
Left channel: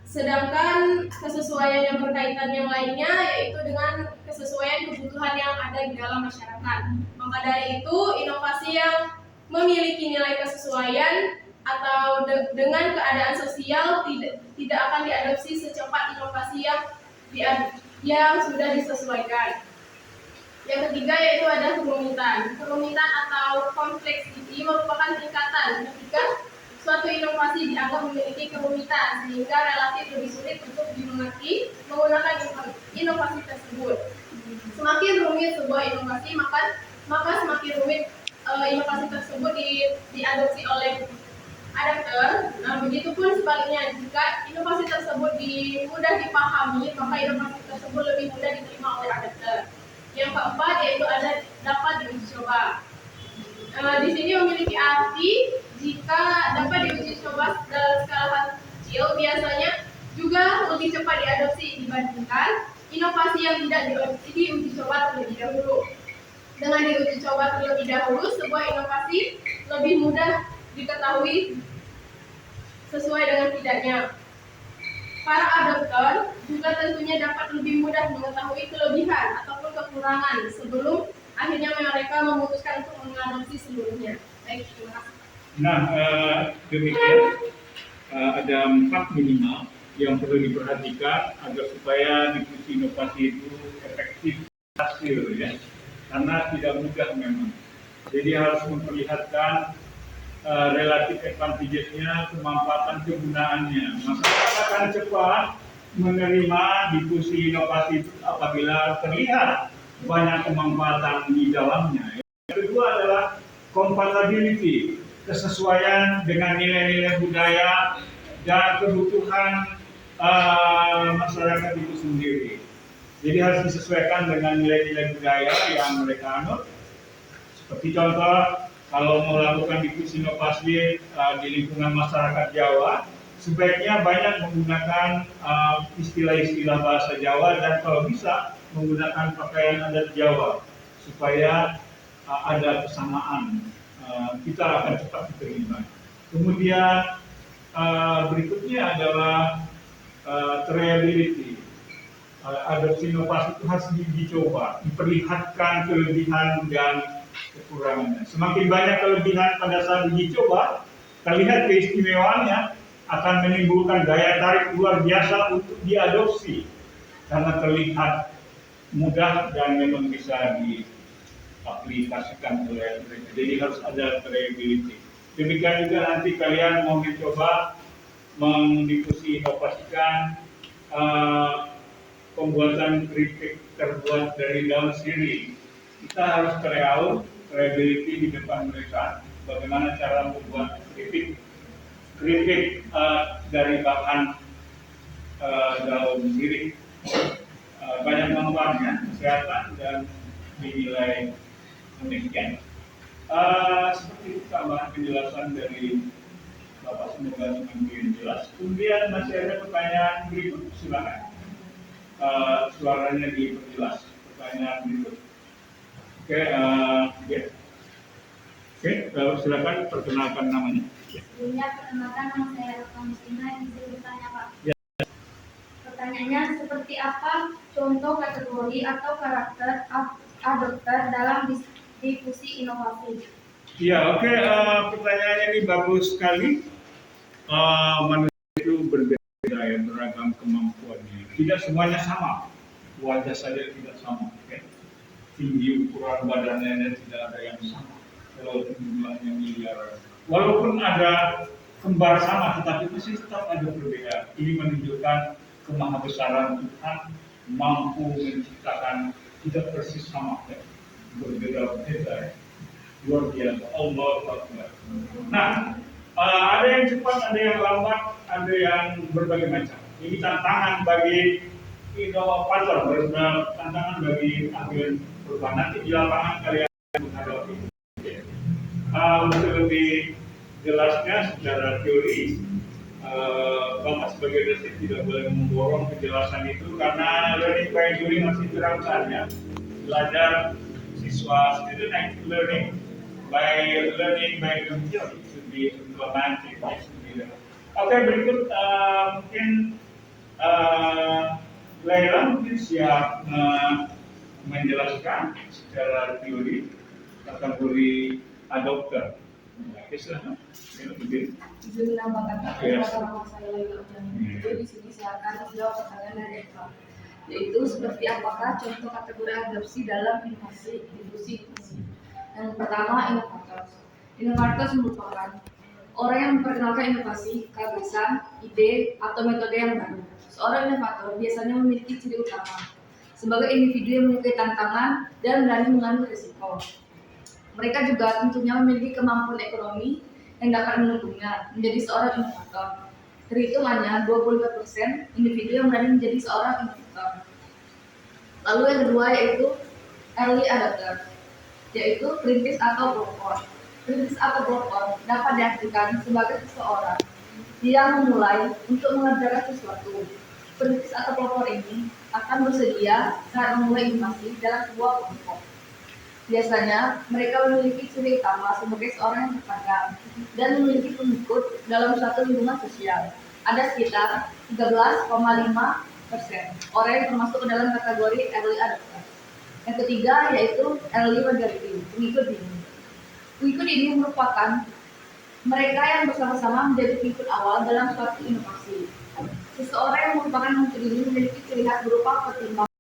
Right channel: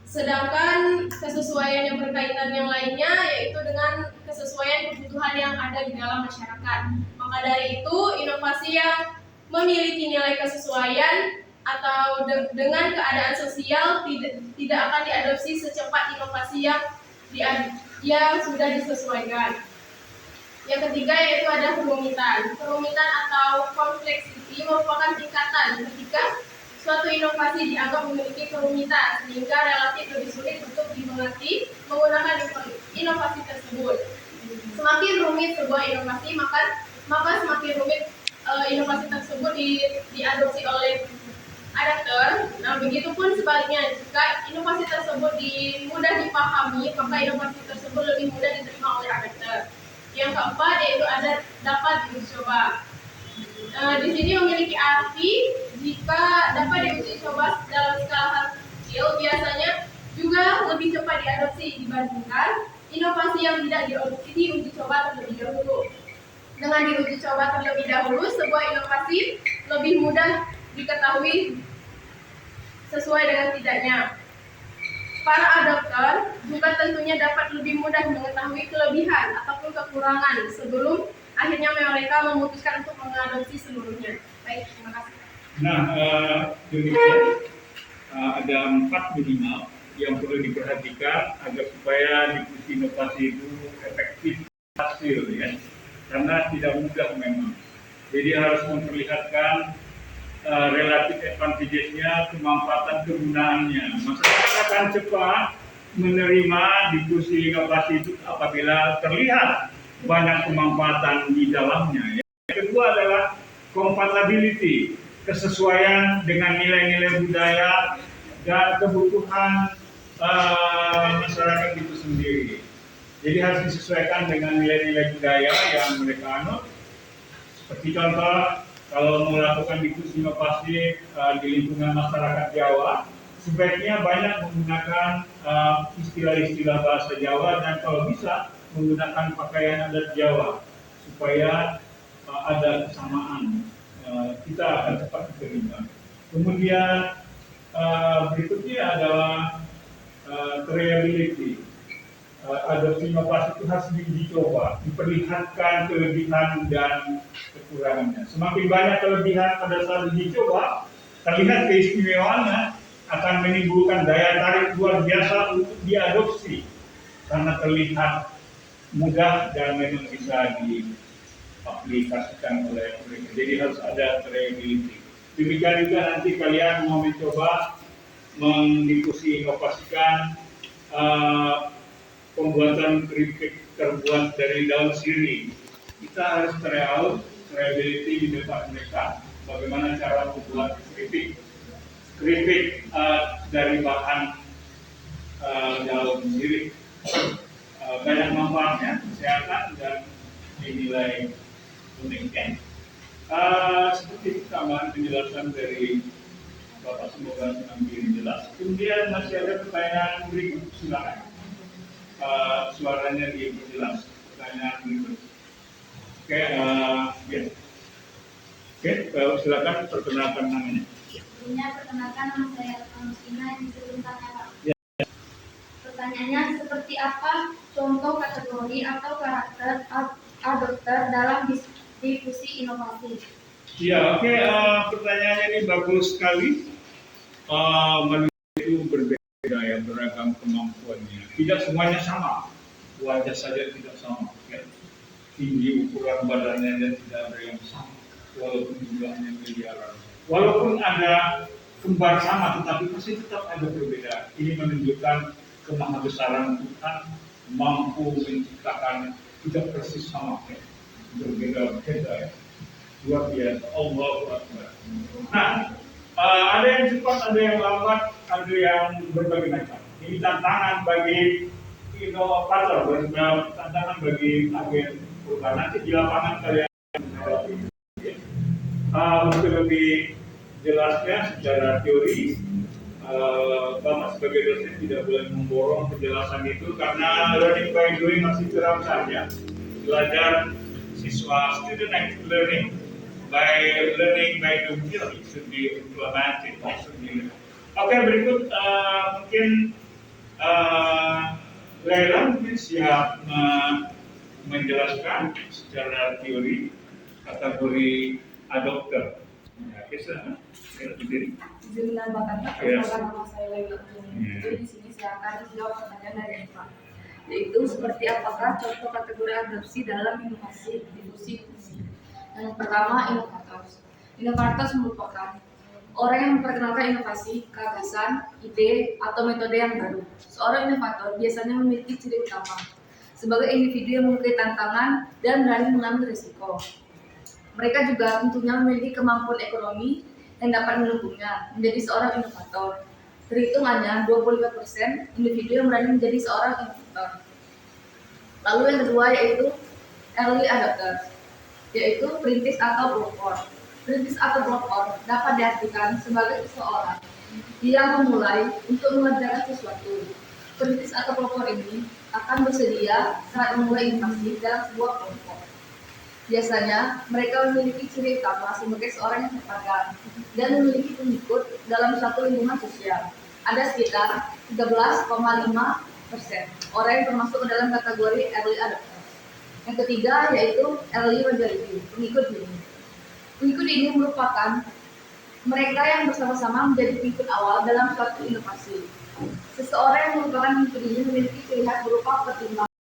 Sedangkan kesesuaian yang berkaitan yang lainnya yaitu dengan kesesuaian kebutuhan yang ada di dalam masyarakat. Maka dari itu, inovasi yang memiliki nilai kesesuaian atau dengan keadaan sosial tidak akan diadopsi secepat inovasi yang sudah disesuaikan. Yang ketiga yaitu ada kerumitan. Kerumitan atau kompleksiti merupakan tingkatan ketika suatu inovasi dianggap memiliki kerumitan sehingga relatif lebih sulit untuk dimengerti menggunakan inovasi tersebut. Semakin rumit sebuah inovasi, maka semakin rumit inovasi tersebut diadopsi oleh adapter. Nah, begitupun sebaliknya, jika inovasi tersebut mudah dipahami, maka inovasi tersebut lebih mudah diterima oleh adapter. Yang keempat yaitu ada dapat diuji coba. Di sini memiliki arti jika dapat diuji coba dalam skala hal kecil, biasanya juga lebih cepat diadopsi dibandingkan inovasi yang tidak diuji coba terlebih dahulu. Dengan diuji coba terlebih dahulu, sebuah inovasi lebih mudah diketahui sesuai dengan tidaknya. Para adopter juga tentunya dapat lebih mudah mengetahui kelebihan ataupun kekurangan sebelum akhirnya mereka memutuskan untuk mengadopsi seluruhnya. Baik, terima kasih. Nah, demikian ada 4 minimal yang perlu diperhatikan agar supaya diskusi inovasi itu efektif hasil ya, karena tidak mudah memang. Jadi harus memperlihatkan relatif advantages-nya, kemanfaatan kegunaannya. Masyarakat akan cepat menerima diskusi inovasi itu apabila terlihat banyak kemanfaatan di dalamnya. Yang kedua adalah compatibility, kesesuaian dengan nilai-nilai budaya dan kebutuhan masyarakat itu sendiri. Jadi harus disesuaikan dengan nilai-nilai budaya yang mereka anut. Seperti contoh, kalau melakukan diskusi inovasi di lingkungan masyarakat Jawa, sebaiknya banyak menggunakan istilah-istilah bahasa Jawa dan kalau bisa menggunakan pakaian adat Jawa supaya ada kesamaan kita akan cepat diterima. Kemudian berikutnya adalah triability. Adopsi inovasi itu harus dicoba, diperlihatkan kelebihan dan kekurangannya. Semakin banyak kelebihan pada saat dicoba, terlihat keistimewaannya, akan menimbulkan daya tarik luar biasa untuk diadopsi karena terlihat mudah dan memang bisa diaplikasikan oleh mereka. Jadi harus ada variability. Demikian juga nanti kalian mau mencoba mendiskusi inovasikan pembuatan keripik terbuat dari daun sirih. Kita harus variability di depan mereka. Bagaimana cara membuat keripik dari bahan daun sirih. Banyak manfaatnya, kesehatan dan dinilai demikian. Seperti tambahan penjelasan dari Bapak, semoga semakin jelas. Kemudian masih ada pertanyaan berikut, silakan. Suaranya diperjelas. Pertanyaan berikut. Oke, ya. Oke, silakan perkenalkan namanya. Sebelumnya perkenalkan, nama saya Alkamsina yang disuruh tanya Pak. Ya. Pertanyaannya, seperti apa contoh kategori atau karakter adopter dalam difusi inovasi? Ya, oke. Pertanyaannya ini bagus sekali. Manusia itu berbeda ya, beragam kemampuannya. Tidak semuanya sama. Wajah saja tidak sama. Ya. Tinggi ukuran badannya tidak ada yang sama. Walaupun jumlahnya miliaran. Walaupun ada kembar sama, tetapi masih tetap ada perbedaan. Ini menunjukkan kemahabesaran Tuhan mampu menciptakan tidak persis sama, ya. Berbeda-beda, ya. Luar biasa. Allahu Akbar. Nah, ada yang cepat, ada yang lambat, ada yang berbagai macam. Ini tantangan bagi inovator, tantangan bagi agen perubahan. Nanti di lapangan kalian menghadapi. Untuk lebih jelasnya secara teori, Bapak sebagai dosen tidak boleh memborong penjelasan itu karena learning by doing masih terangsang, ya. Belajar siswa, student active learning by doing theory should be implemented. Oke, berikut mungkin Laila mungkin siap menjelaskan secara teori kategori adopter. Ya, kisah lebih. Izin menambahkan Pak, Yes. nama saya Laila Ujani. Jadi di sini saya akan menjawab pertanyaan dari Pak, yaitu seperti apakah contoh kategori adopsi dalam inovasi difusi inovasi. Yang pertama, inovator. Inovator merupakan orang yang memperkenalkan inovasi, gagasan, ide, atau metode yang baru. Seorang inovator biasanya memiliki ciri utama sebagai individu yang menyukai tantangan dan berani mengambil risiko. Mereka juga tentunya memiliki kemampuan ekonomi yang dapat mendukungnya menjadi seorang inovator. Terhitung hanya 25% individu yang berani menjadi seorang inovator. Lalu yang kedua yaitu early adopter, yaitu perintis atau pelopor. Perintis atau pelopor dapat diartikan sebagai seseorang yang memulai untuk mengerjakan sesuatu. Perintis atau pelopor ini akan bersedia saat memulai inovasi dalam sebuah kelompok. Biasanya mereka memiliki ciri utama sebagai seorang yang terpandang dan memiliki pengikut dalam suatu lingkungan sosial. Ada sekitar 13,5% orang yang termasuk ke dalam kategori early adopter. Yang ketiga yaitu early majority, pengikut dini. Pengikut ini merupakan mereka yang bersama-sama menjadi pengikut awal dalam suatu inovasi. Seseorang yang merupakan pengikut ini memiliki ciri khas berupa pertimbangan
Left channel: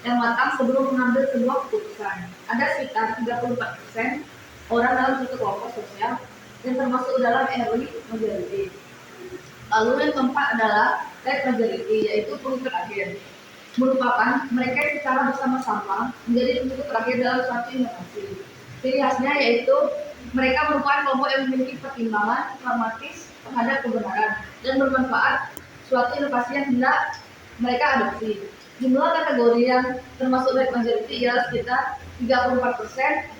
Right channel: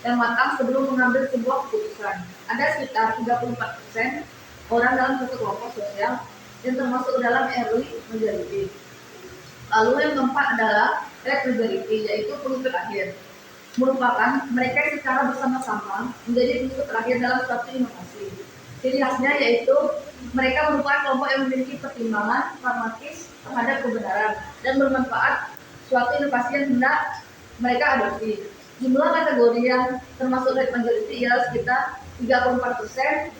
yang matang sebelum mengambil sebuah keputusan. Ada sekitar 34% orang dalam suatu kelompok sosial yang termasuk dalam early majority. Lalu yang keempat adalah late majority, yaitu pengikut akhir. Merupakan mereka yang secara bersama-sama menjadi pengikut terakhir dalam suatu inovasi. Ciri khasnya yaitu mereka merupakan kelompok yang memiliki pertimbangan pragmatis terhadap kebenaran dan bermanfaat suatu inovasi yang hendak mereka adopsi. Jumlah kategori yang termasuk late majority ialah sekitar 34%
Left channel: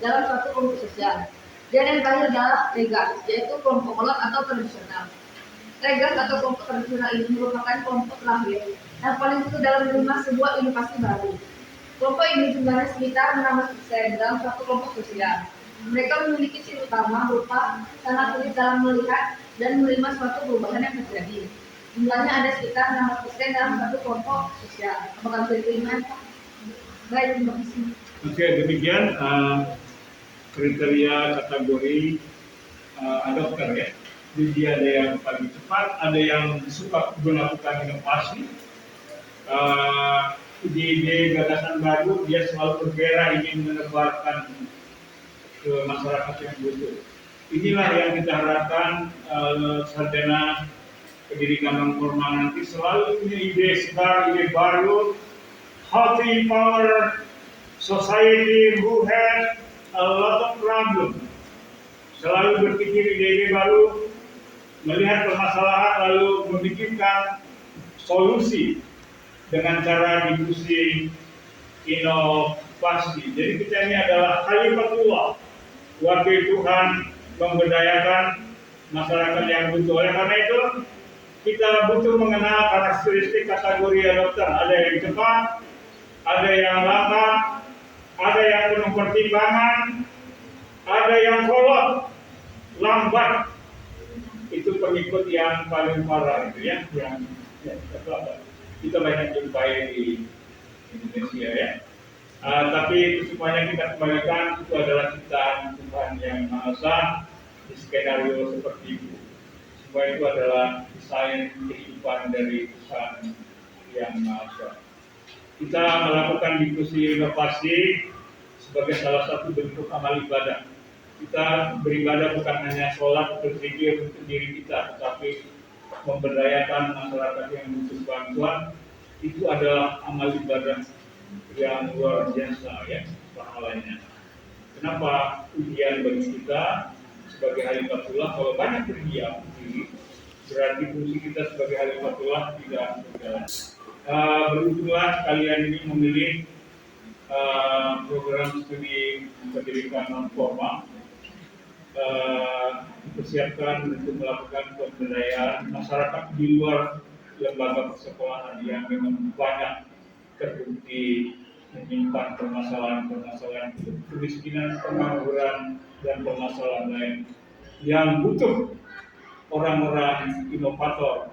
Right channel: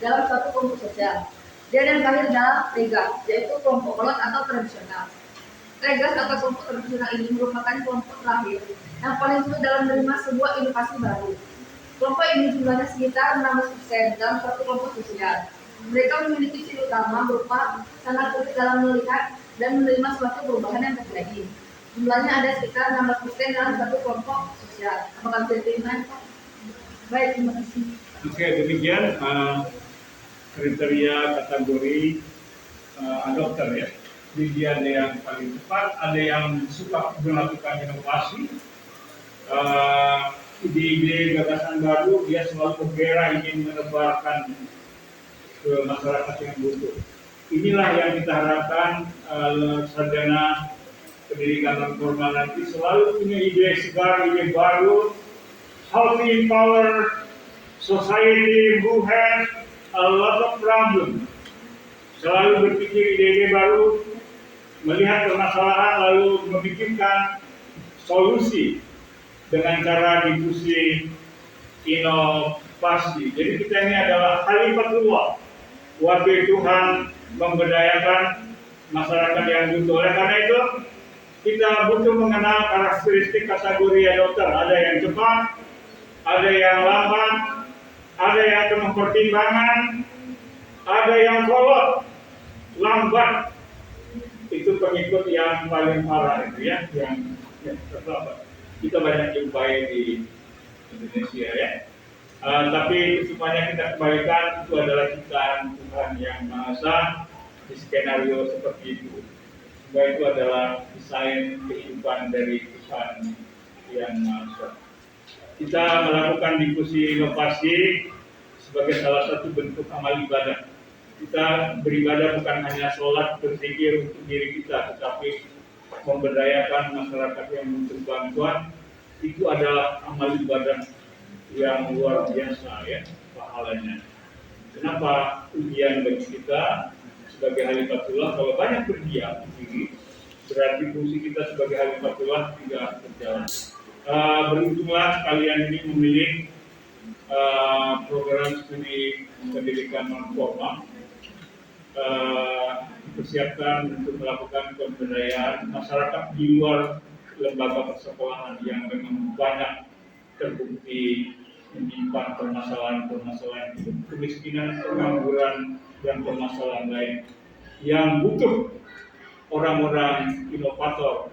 dalam suatu kelompok sosial. Dan yang terakhir adalah regas, yaitu kelompok kolot atau tradisional. Regas atau kelompok tradisional ini merupakan kelompok terakhir yang paling sulit dalam menerima sebuah inovasi baru. Kelompok ini jumlahnya sekitar 16% dalam suatu kelompok sosial. Mereka memiliki ciri utama berupa sangat sulit dalam melihat dan menerima suatu perubahan yang terjadi. Jumlahnya ada sekitar 16% dalam satu kelompok sosial. Apakah bisa diterima, Pak? Baik, terima kasih. Oke, demikian kriteria kategori adopter ya. Jadi dia ada yang paling cepat, ada yang suka melakukan inovasi, ide-ide gagasan baru, dia selalu bergerak ingin menebarkan ke masyarakat yang butuh. Inilah yang kita harapkan sarjana pendidikan non formal nanti selalu punya ide segar, ide baru, how to empower society who has a lot of problem. Selalu berpikir ide-ide baru, melihat permasalahan lalu memikirkan solusi dengan cara diskusi inovasi. Jadi kita ini adalah khalifatullah, wakil Tuhan memberdayakan masyarakat yang butuh. Oleh karena itu kita butuh mengenal karakteristik kategori adopter. Ada yang cepat, ada yang lambat, ada yang penuh pertimbangan, ada yang kolot, lambat. Itu pengikut yang paling parah itu ya, yang terlambat. Kita banyak jumpai di Indonesia ya. Tapi semuanya kita kembalikan itu adalah ciptaan Tuhan yang Maha Esa di skenario seperti itu. Semua itu adalah desain kehidupan dari Tuhan yang Maha Esa. Kita melakukan diskusi inovasi sebagai salah satu bentuk amal ibadah. Kita beribadah bukan hanya sholat berzikir untuk diri kita, tetapi memberdayakan masyarakat yang butuh bantuan. Itu adalah amal ibadah yang luar biasa ya pahalanya. Kenapa ujian bagi kita sebagai Khalifatullah? Kalau banyak berdiam diri, berarti fungsi kita sebagai Khalifatullah tidak berjalan. Beruntunglah kalian ini memilih program studi pendidikan non formal, dipersiapkan untuk melakukan pemberdayaan masyarakat di luar lembaga persekolahan yang memang banyak terbukti menyimpan permasalahan kemiskinan, pengangguran, dan permasalahan lain yang butuh orang-orang inovator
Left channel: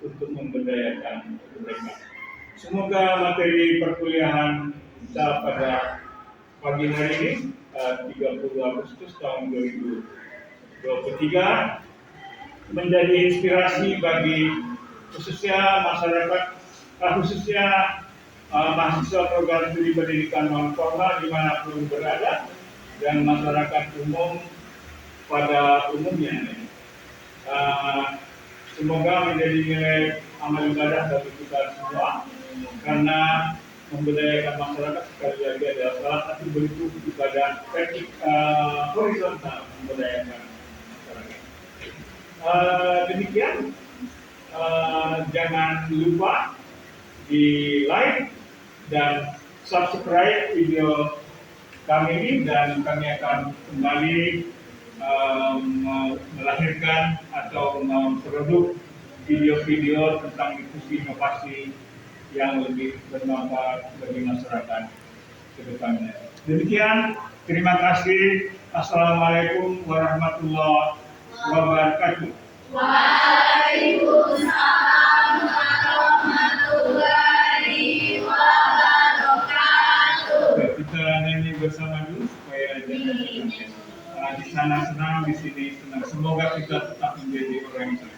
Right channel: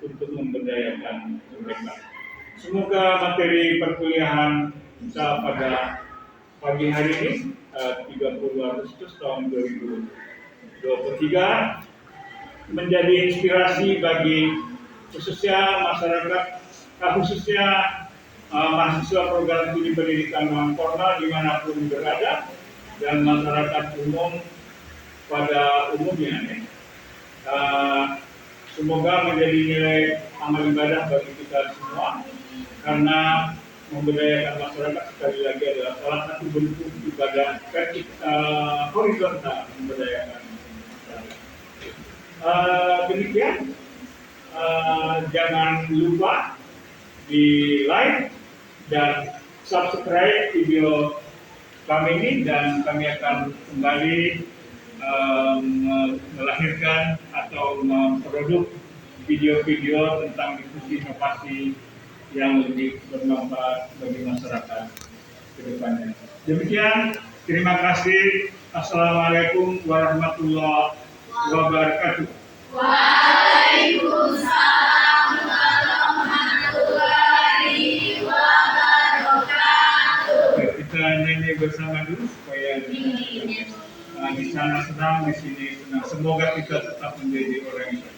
untuk memberdayakan mereka. Semoga materi perkuliahan kita pada pagi hari ini 30 Agustus tahun 2023 menjadi inspirasi bagi khususnya masyarakat, khususnya mahasiswa program studi pendidikan non formal dimanapun berada dan masyarakat umum pada umumnya. Semoga menjadi nilai amal ibadah bagi kita semua karena memberdayakan masyarakat sekali lagi adalah salah satu bentuk ibadah horizontal memberdayakan masyarakat. Demikian, jangan lupa di like dan subscribe video kami ini dan kami akan kembali melahirkan atau memproduksi video-video tentang diskusi inovasi yang lebih bermanfaat bagi masyarakat ke depannya. Demikian, terima kasih. Assalamualaikum warahmatullahi wabarakatuh. Waalaikumsalam warahmatullahi wabarakatuh. Kita nyanyi bersama dulu supaya di sana senang, di sini senang. Semoga kita tetap menjadi orang Islam.